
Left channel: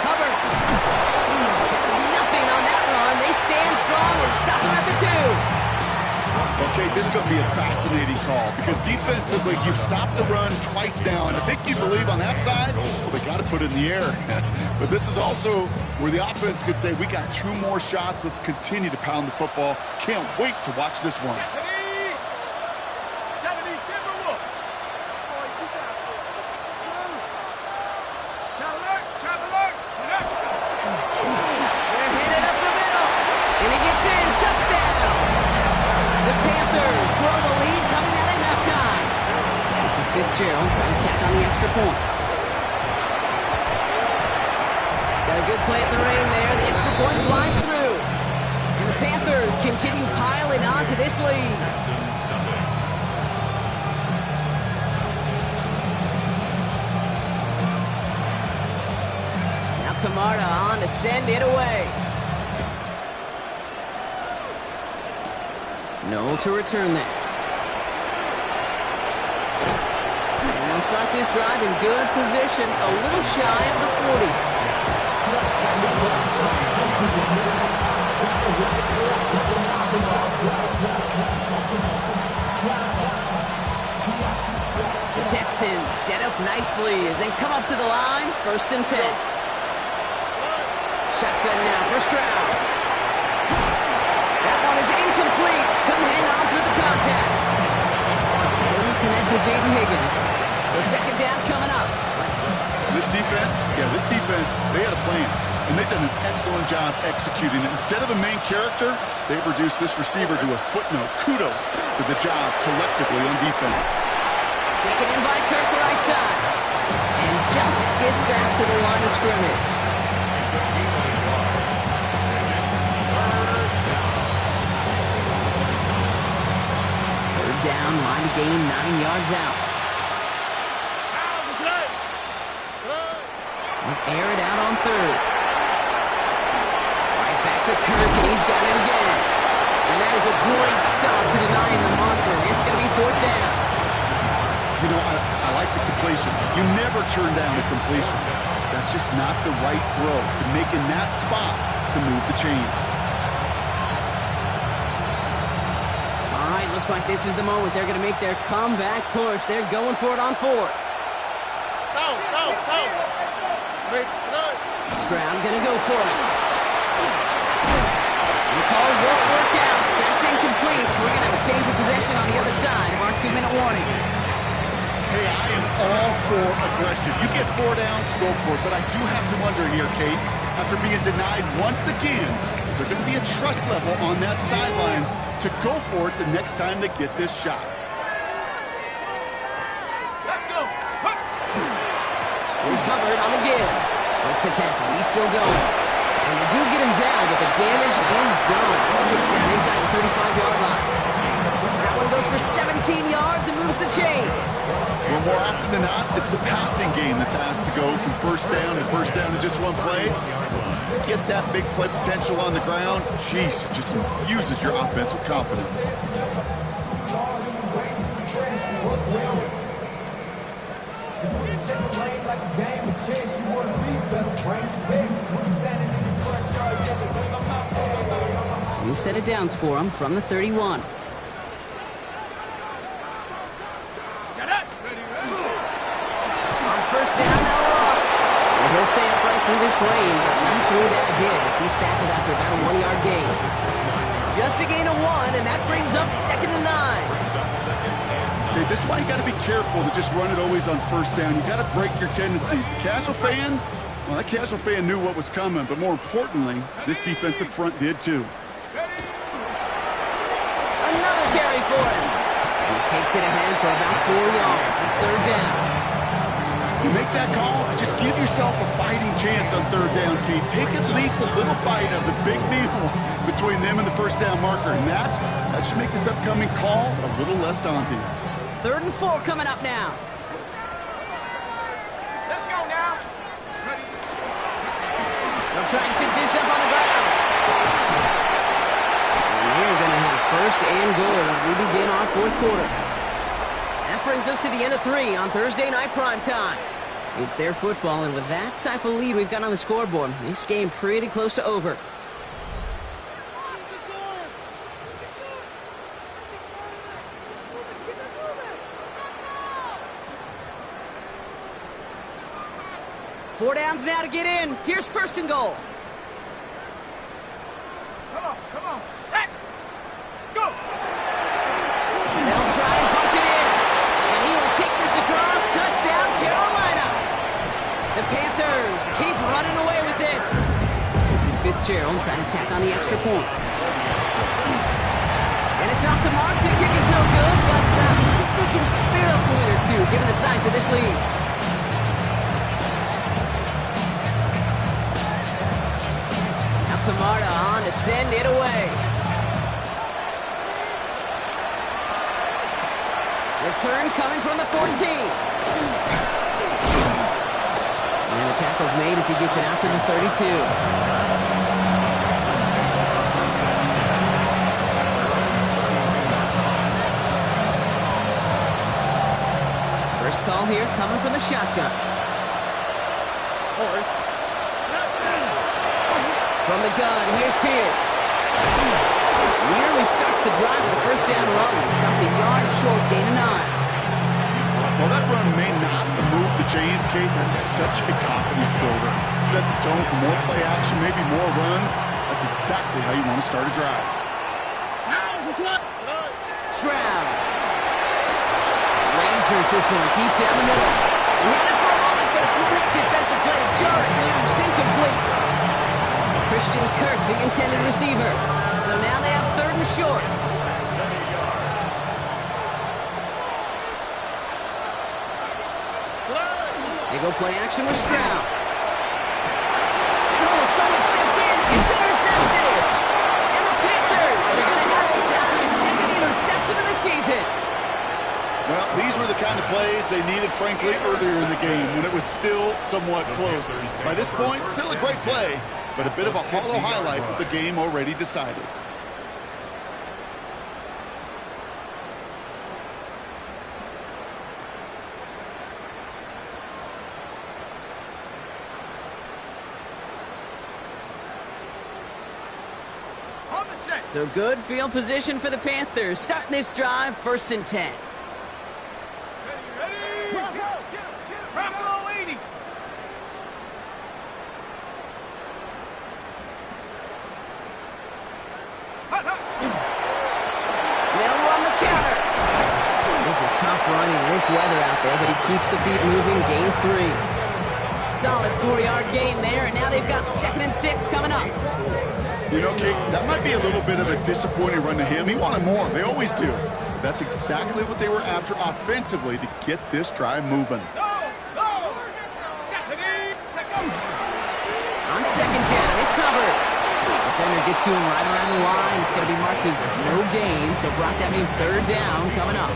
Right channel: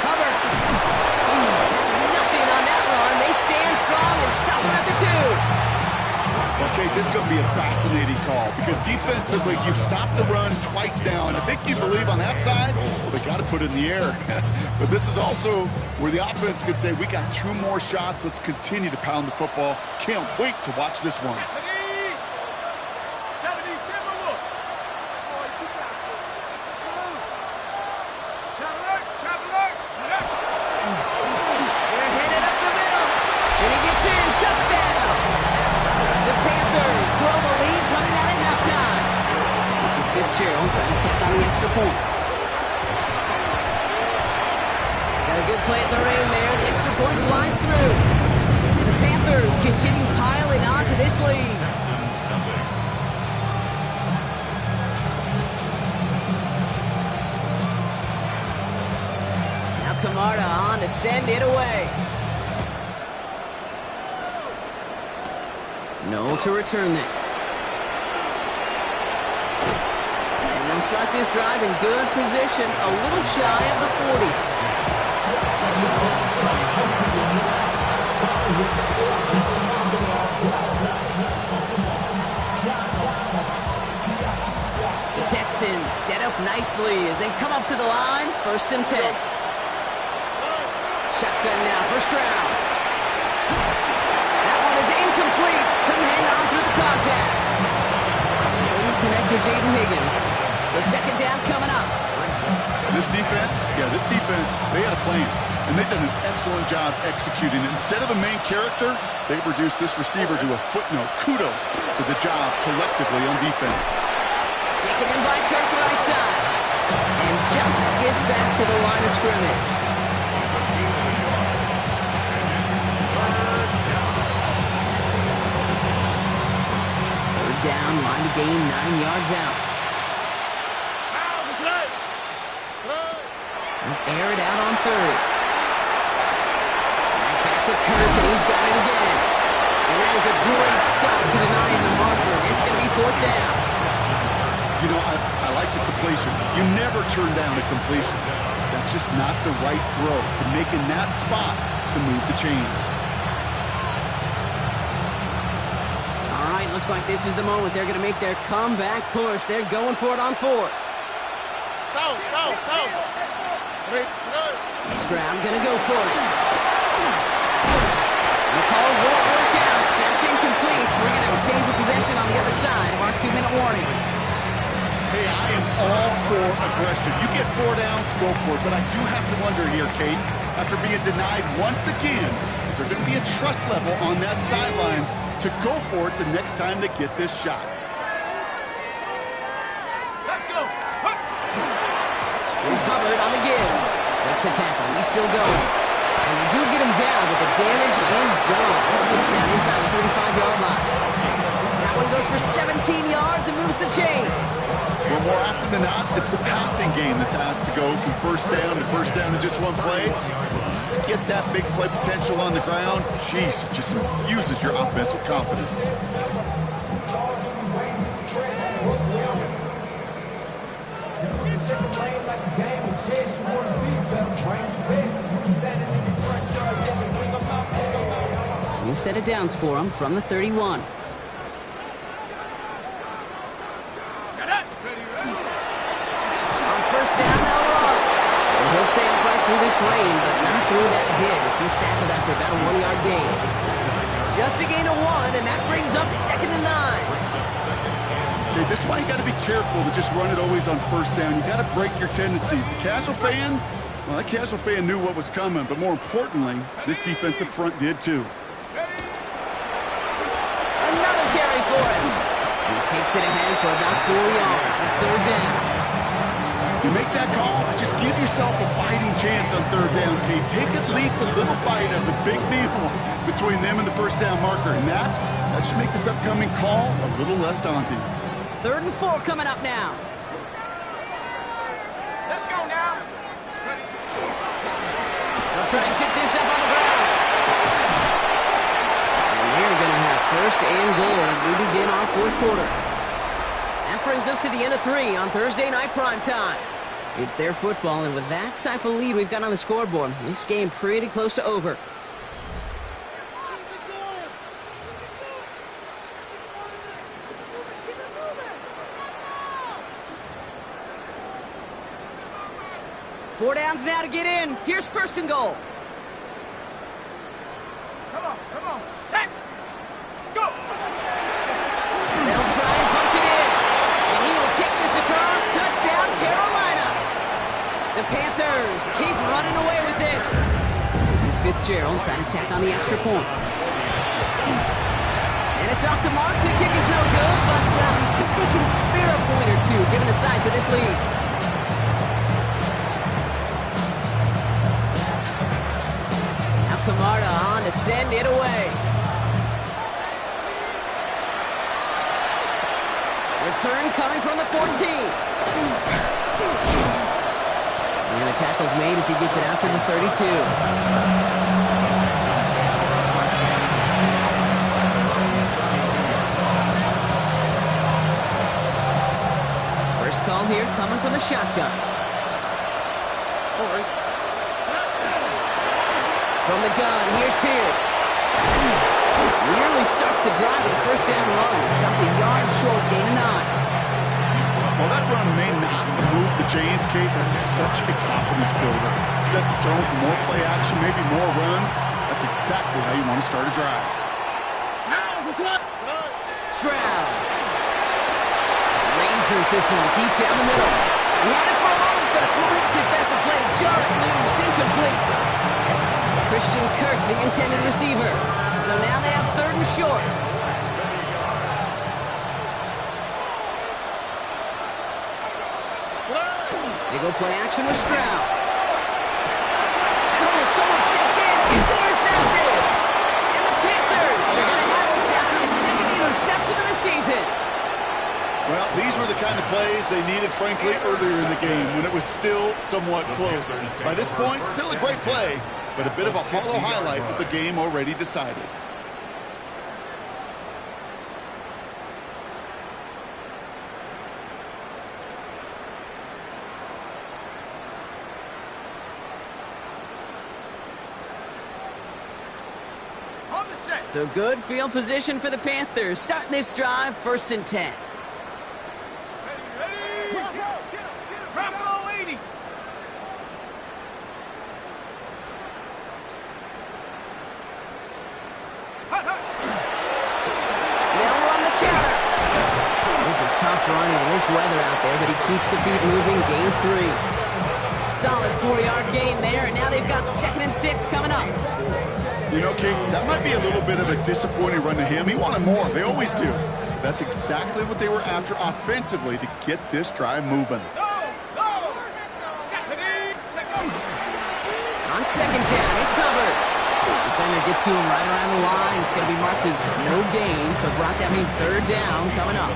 Hubbard has nothing on that run. They stand strong and stop him at the 2. Okay, this is going to be a fascinating call because defensively, you've stopped the run twice now, and I think you believe on that side, well, they got to put it in the air. But this is also where the offense could say, we got 2 more shots. Let's continue to pound the football. Can't wait to watch this one. They're headed up the middle. And he gets in. Touchdown. The Panthers grow the lead coming out at halftime. This is Fitzgerald trying to tack on the extra point. Got a good play at the rain there. The extra point flies through. And the Panthers continue piling on to this lead. Texans stumping. Now Camarda on to send it away. No to return this. And they'll start this drive in good position, a little shy of the 40. The Texans set up nicely as they come up to the line. 1st and 10. Shotgun now, first round. That one is incomplete. Couldn't hang on through the contact. Couldn't connect with Jaden Higgins. So 2nd down coming up. This defense, they had a plan. And they've done an excellent job executing it. Instead of a main character, they've reduced this receiver to a footnote. Kudos to the job collectively on defense. Taken in by Kirk, right side. And just gets back to the line of scrimmage. He's a gain of a yard. And it's 3rd down. 3rd down, line to gain 9 yards out. Air it out on 3rd. Right back to Kirk, and he's got it again. And that is a great stop to deny him the marker. It's going to be 4th down. You know, I like the completion. You never turn down a completion. That's just not the right throw to make in that spot to move the chains. All right, looks like this is the moment they're going to make their comeback push. They're going for it on 4th. Go. Stroud going to go for it. The call won't work out. That's incomplete. We're going to have a change of possession on the other side of our 2-minute warning. Hey, I am all for aggression. You get 4 downs, go for it. But I do have to wonder here, Kate, after being denied once again, is there going to be a trust level on that sidelines to go for it the next time they get this shot? Let's go. Here's Hubbard on the give. Breaks a tackle. He's still going. And they do get him down, but the damage is done. This gets down inside the 35-yard line. That one goes for 17 yards and moves the chains. Well, more often than not, it's the passing game that's asked to go from 1st down in just one play. Get that big play potential on the ground. Jeez, it just infuses your offense with confidence. New set of downs for him from the 31. On 1st down, they'll run. And he'll stay upright through this rain, but not through that hit as he's tackled after about a 1-yard gain. Just a gain of 1, and that brings up 2nd and 9. Okay, this is why you got to be careful to just run it always on 1st down. You got to break your tendencies. The casual fan, well, that casual fan knew what was coming, but more importantly, this defensive front did too. Another carry for him. And he takes it ahead for about 4 yards. It's 3rd down. You make that call to just give yourself a fighting chance on 3rd down, Kate. Take at least a little bite of the big meal between them and the 1st down marker, and that should make this upcoming call a little less daunting. 3rd and 4 coming up now. Let's go now. They'll try and pick this up on the ground. And they're going to have 1st and goal. We begin our 4th quarter. That brings us to the end of 3 on Thursday night prime time. It's their football, and with that type of lead we've got on the scoreboard, this game pretty close to over. Four downs now to get in. Here's 1st and goal. Come on. Set. Go. They'll try and punch it in. And he will take this across. Touchdown, Carolina. The Panthers keep running away with this. This is Fitzgerald trying to tack on the extra point. And it's off the mark. The kick is no good, but I think they can spare a point or two given the size of this lead. Now Camarda on to send it away. Return coming from the 14. And the tackle's made as he gets it out to the 32. First call here coming from the shotgun. From the gun, here's Pierce. starts the drive with a first down run. Stopped a yard short, gain of 9. Well, that run may not move the chains, Kate. That is such a confidence builder. Sets the tone for more play action, maybe more runs. That's exactly how you want to start a drive. Stroud lasers this one deep down the middle. He had it for a moment, but a great defensive play to jar it loose, incomplete. Christian Kirk, the intended receiver. So now they have 3rd and short. They go play action with Stroud. And someone stepped in. It's intercepted. And the Panthers are going to have it after his 2nd interception of the season. Well, these were the kind of plays they needed, frankly, earlier in the game when it was still somewhat close. By this point, still a great play, but a bit of a hollow highlight with the game already decided. So good field position for the Panthers. Starting this drive, 1st and 10. Ready. Bravo 80. They'll run the counter. This is tough running in this weather out there, but he keeps the feet moving, gains 3. Solid 4-yard gain there, and now they've got 2nd and 6 coming up. You know, Kate, that might be a little bit of a disappointing run to him. He wanted more. They always do. That's exactly what they were after offensively to get this drive moving. On 2nd down, it's Hubbard. Defender gets to him right around the line. It's going to be marked as no gain, so Brock, that means 3rd down coming up.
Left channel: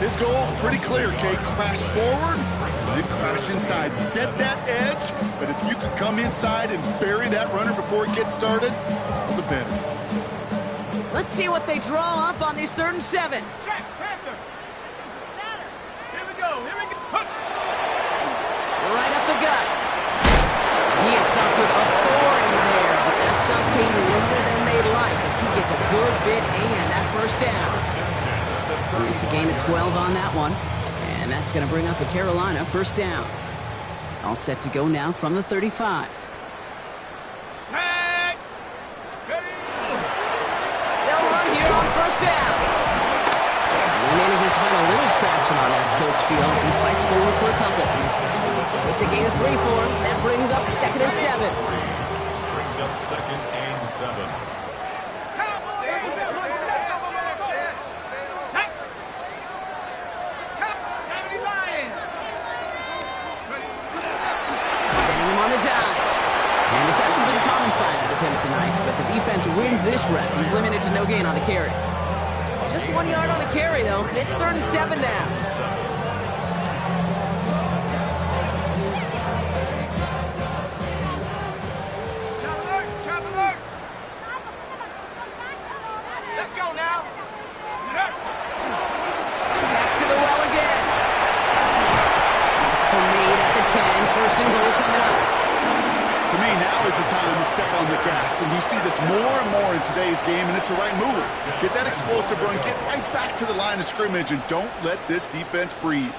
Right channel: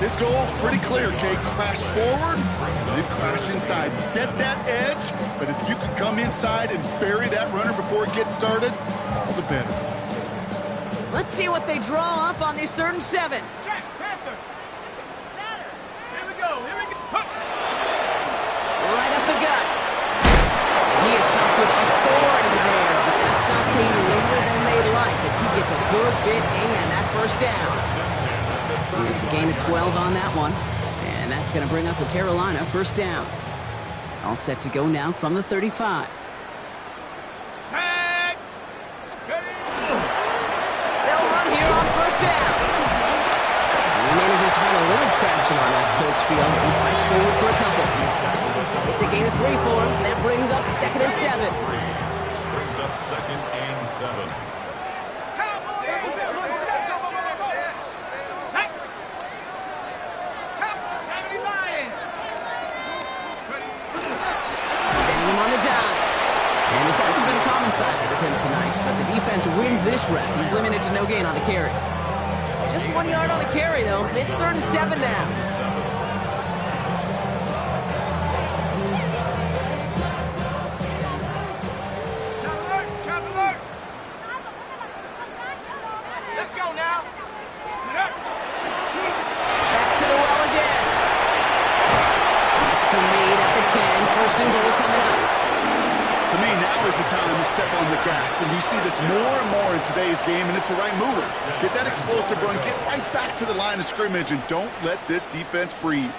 His goal's pretty clear, Kate. Crash forward, then crash inside. Set that edge, but if you can come inside and bury that runner before it gets started, all the better. Let's see what they draw up on this 3rd and 7. Check, Panther. Here we go. Right up the gut. He is stopped with authority there, but that stop came later than they'd like as he gets a good bit and that 1st down. It's a gain of 12 on that one, and that's going to bring up a Carolina 1st down. All set to go now from the 35. Check. They'll run here on 1st down. And he manages to find a little traction on that search field as he fights forward for a couple. It's a gain of 3 for him. That brings up 2nd and 7. Brings up 2nd and 7. Sending him on the dive. And this hasn't been common-sided with him tonight, but the defense wins this rep. He's limited to no gain on the carry. Just 1 yard on the carry, though. It's 3rd and 7 now. Chop alert. Let's go now. Back to the well again. Tackle made at the 10. 1st and goal coming up. To me, now is the time to step on the gas, and you see this more and more in today's game, and it's the right move. Get that explosive run, get right back to the line of scrimmage, and don't let this defense breathe.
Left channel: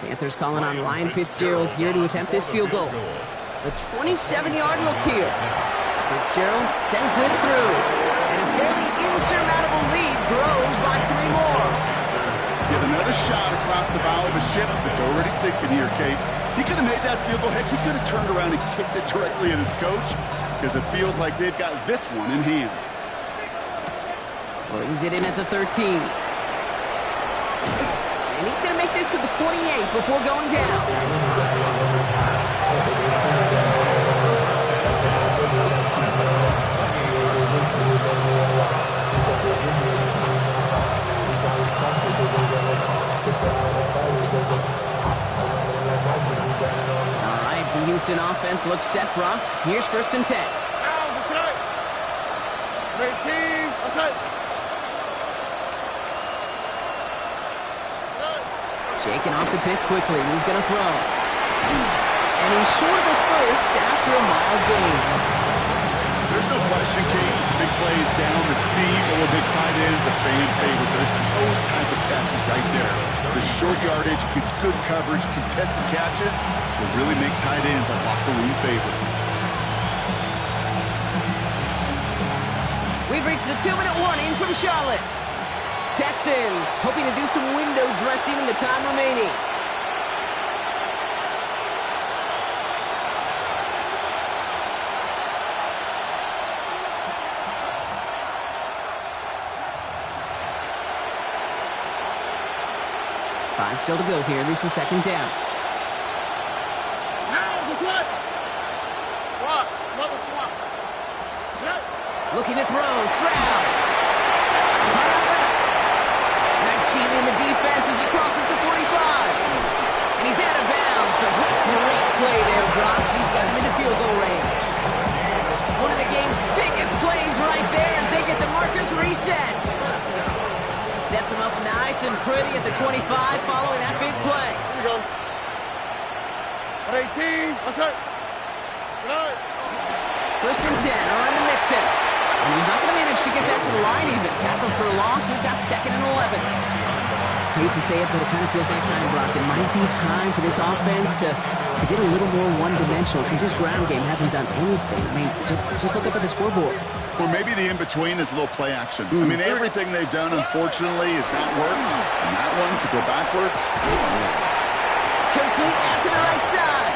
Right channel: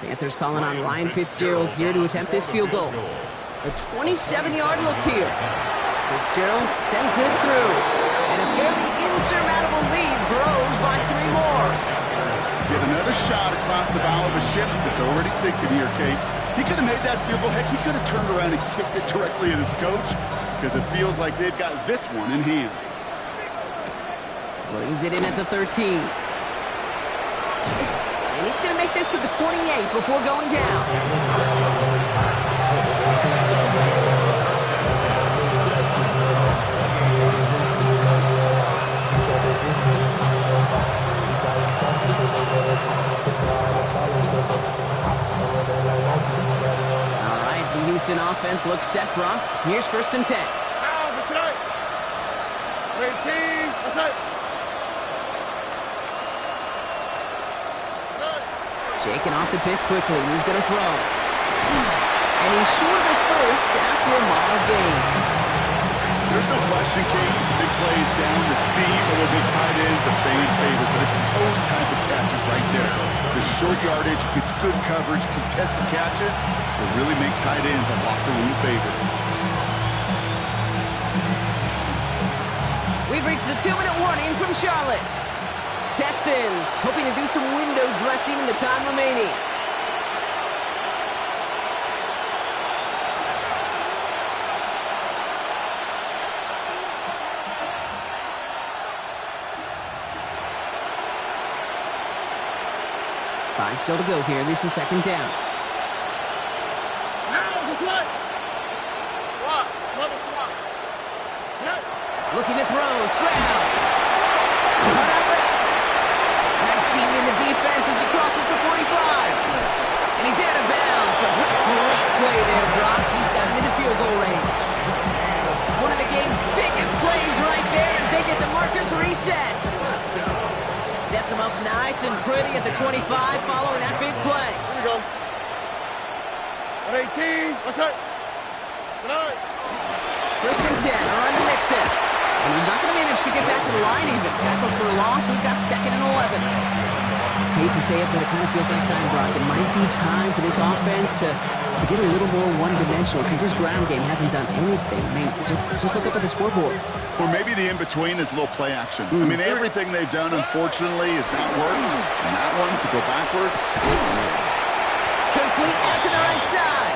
Panthers calling on Ryan Fitzgerald here to attempt this field goal. A 27-yard look here. Fitzgerald sends this through, and a fairly insurmountable lead grows by 3 more. Get another shot across the bow of a ship that's already sinking here, Kate. He could have made that field goal. Heck, he could have turned around and kicked it directly at his coach because it feels like they've got this one in hand. Brings it in at the 13. And he's going to make this to the 28 before going down. All right, the Houston offense looks set, Brock. Here's 1st and 10. Shaking off the pick quickly. He's going to throw. And he's short of the first after a mile gain. There's no question, Kate, big plays down the seam or big tight ends, a fan favorite, but it's those type of catches right there. The short yardage gets good coverage, contested catches will really make tight ends a locker room favorite. We've reached the 2-minute warning from Charlotte. Texans hoping to do some window dressing in the time remaining. Five still to go here. This is second down. Now, this way. Swap. Another swap. Yeah. Looking to throw. Stroud. Cut out left. Nice seam in the defense as he crosses the 45. And he's out of bounds, but great play there, Brock. He's got him into field goal range. One of the game's biggest plays right there as they get the markers reset. Sets him up nice and pretty at the 25 following that big play. Here we go. 118. What's that? Good night. First and 10, around the Mixon. And he's not going to manage to get back to the line even. Tackled for a loss. We've got second and 11. Hate to say it, but it kind of feels like time, Brock. It might be time for this offense to get a little more one-dimensional because this ground game hasn't done anything. I mean, just look up at the scoreboard. Or maybe the in-between is a little play action. I mean, everything they've done, unfortunately, has not worked. And that one, to go backwards. Complete out to the right side.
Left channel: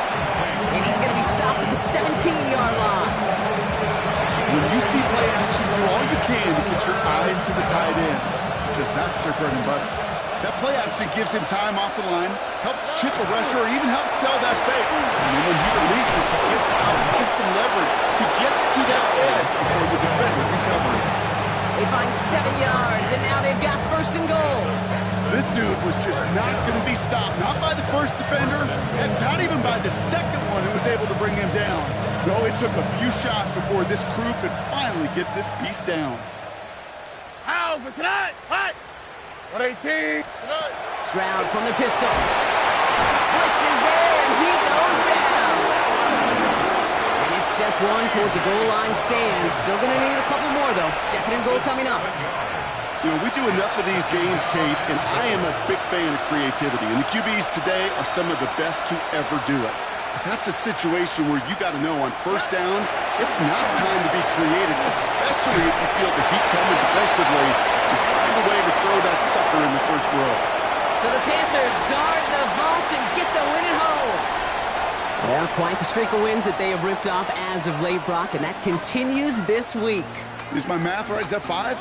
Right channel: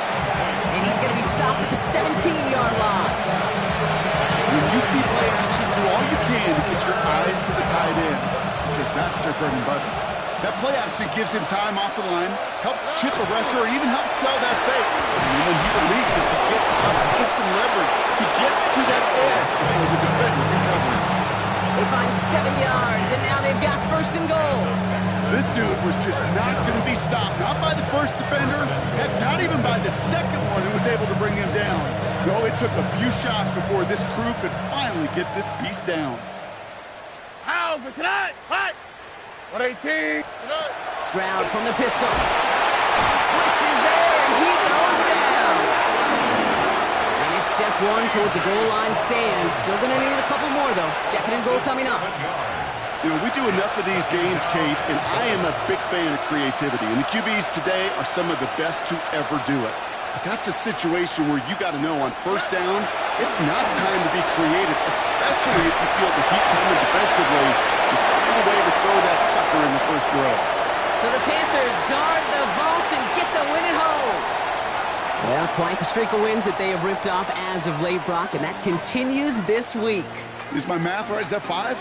And he's going to be stopped at the 17-yard line. When you see play action, do all you can to get your eyes to the tight end. Because that's their bread and butter. That play action gives him time off the line, helps chip a rusher, or even helps sell that fake. And then when he releases, he gets out, he gets some leverage. He gets to that edge before the defender recovering. They find 7 yards, and now they've got first and goal. This dude was just not going to be stopped. Not by the first defender, heck, not even by the second one who was able to bring him down. No, it took a few shots before this crew could finally get this piece down. How? What's that? What? 118. Stroud from the pistol. Blitz is there, and he goes down. And it's step one towards the goal line stand. Still going to need a couple more, though. Second and goal coming up. You know, we do enough of these games, Kate, and I am a big fan of creativity. And the QBs today are some of the best to ever do it. But that's a situation where you got to know on first down, it's not time to be creative, especially if you feel the heat coming defensively. Just find a way to throw that sucker in the first row. So the Panthers guard the vault and get the win at home. Well, quite the streak of wins that they have ripped off as of late, Brock, and that continues this week. Is my math right? Is that 5?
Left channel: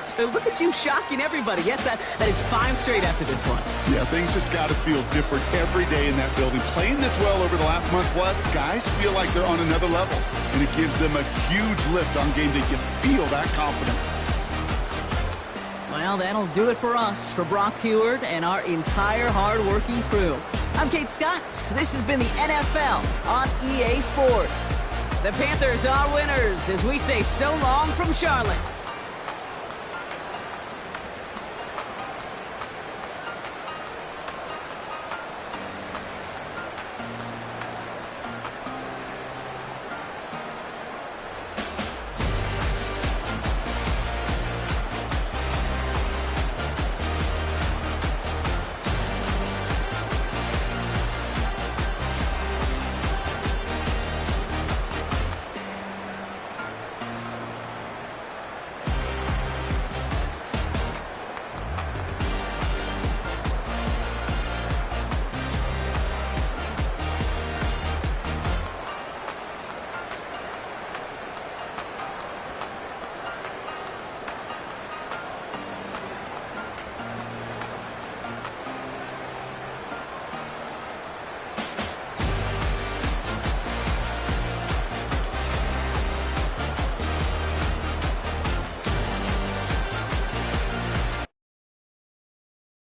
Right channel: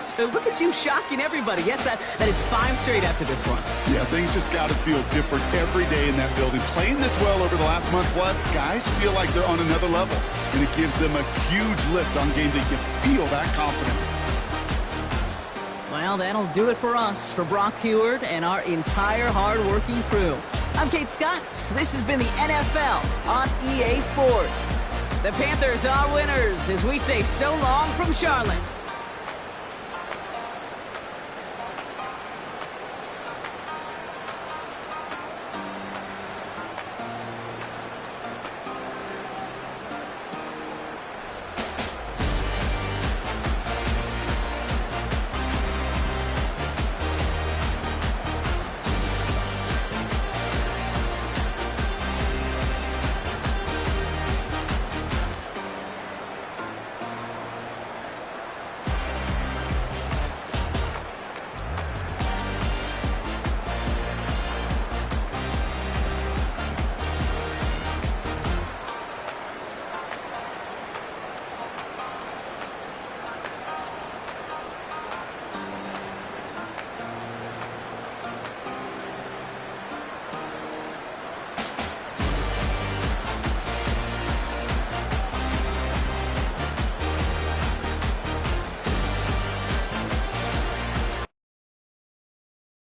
So look at you shocking everybody. Yes, that is 5 straight after this one. Yeah, things just got to feel different every day in that building. Playing this well over the last month plus, guys feel like they're on another level. And it gives them a huge lift on game day. You feel that confidence. Well, that'll do it for us, for Brock Heward and our entire hard-working crew. I'm Kate Scott. This has been the NFL on EA Sports. The Panthers are winners as we say so long from Charlotte.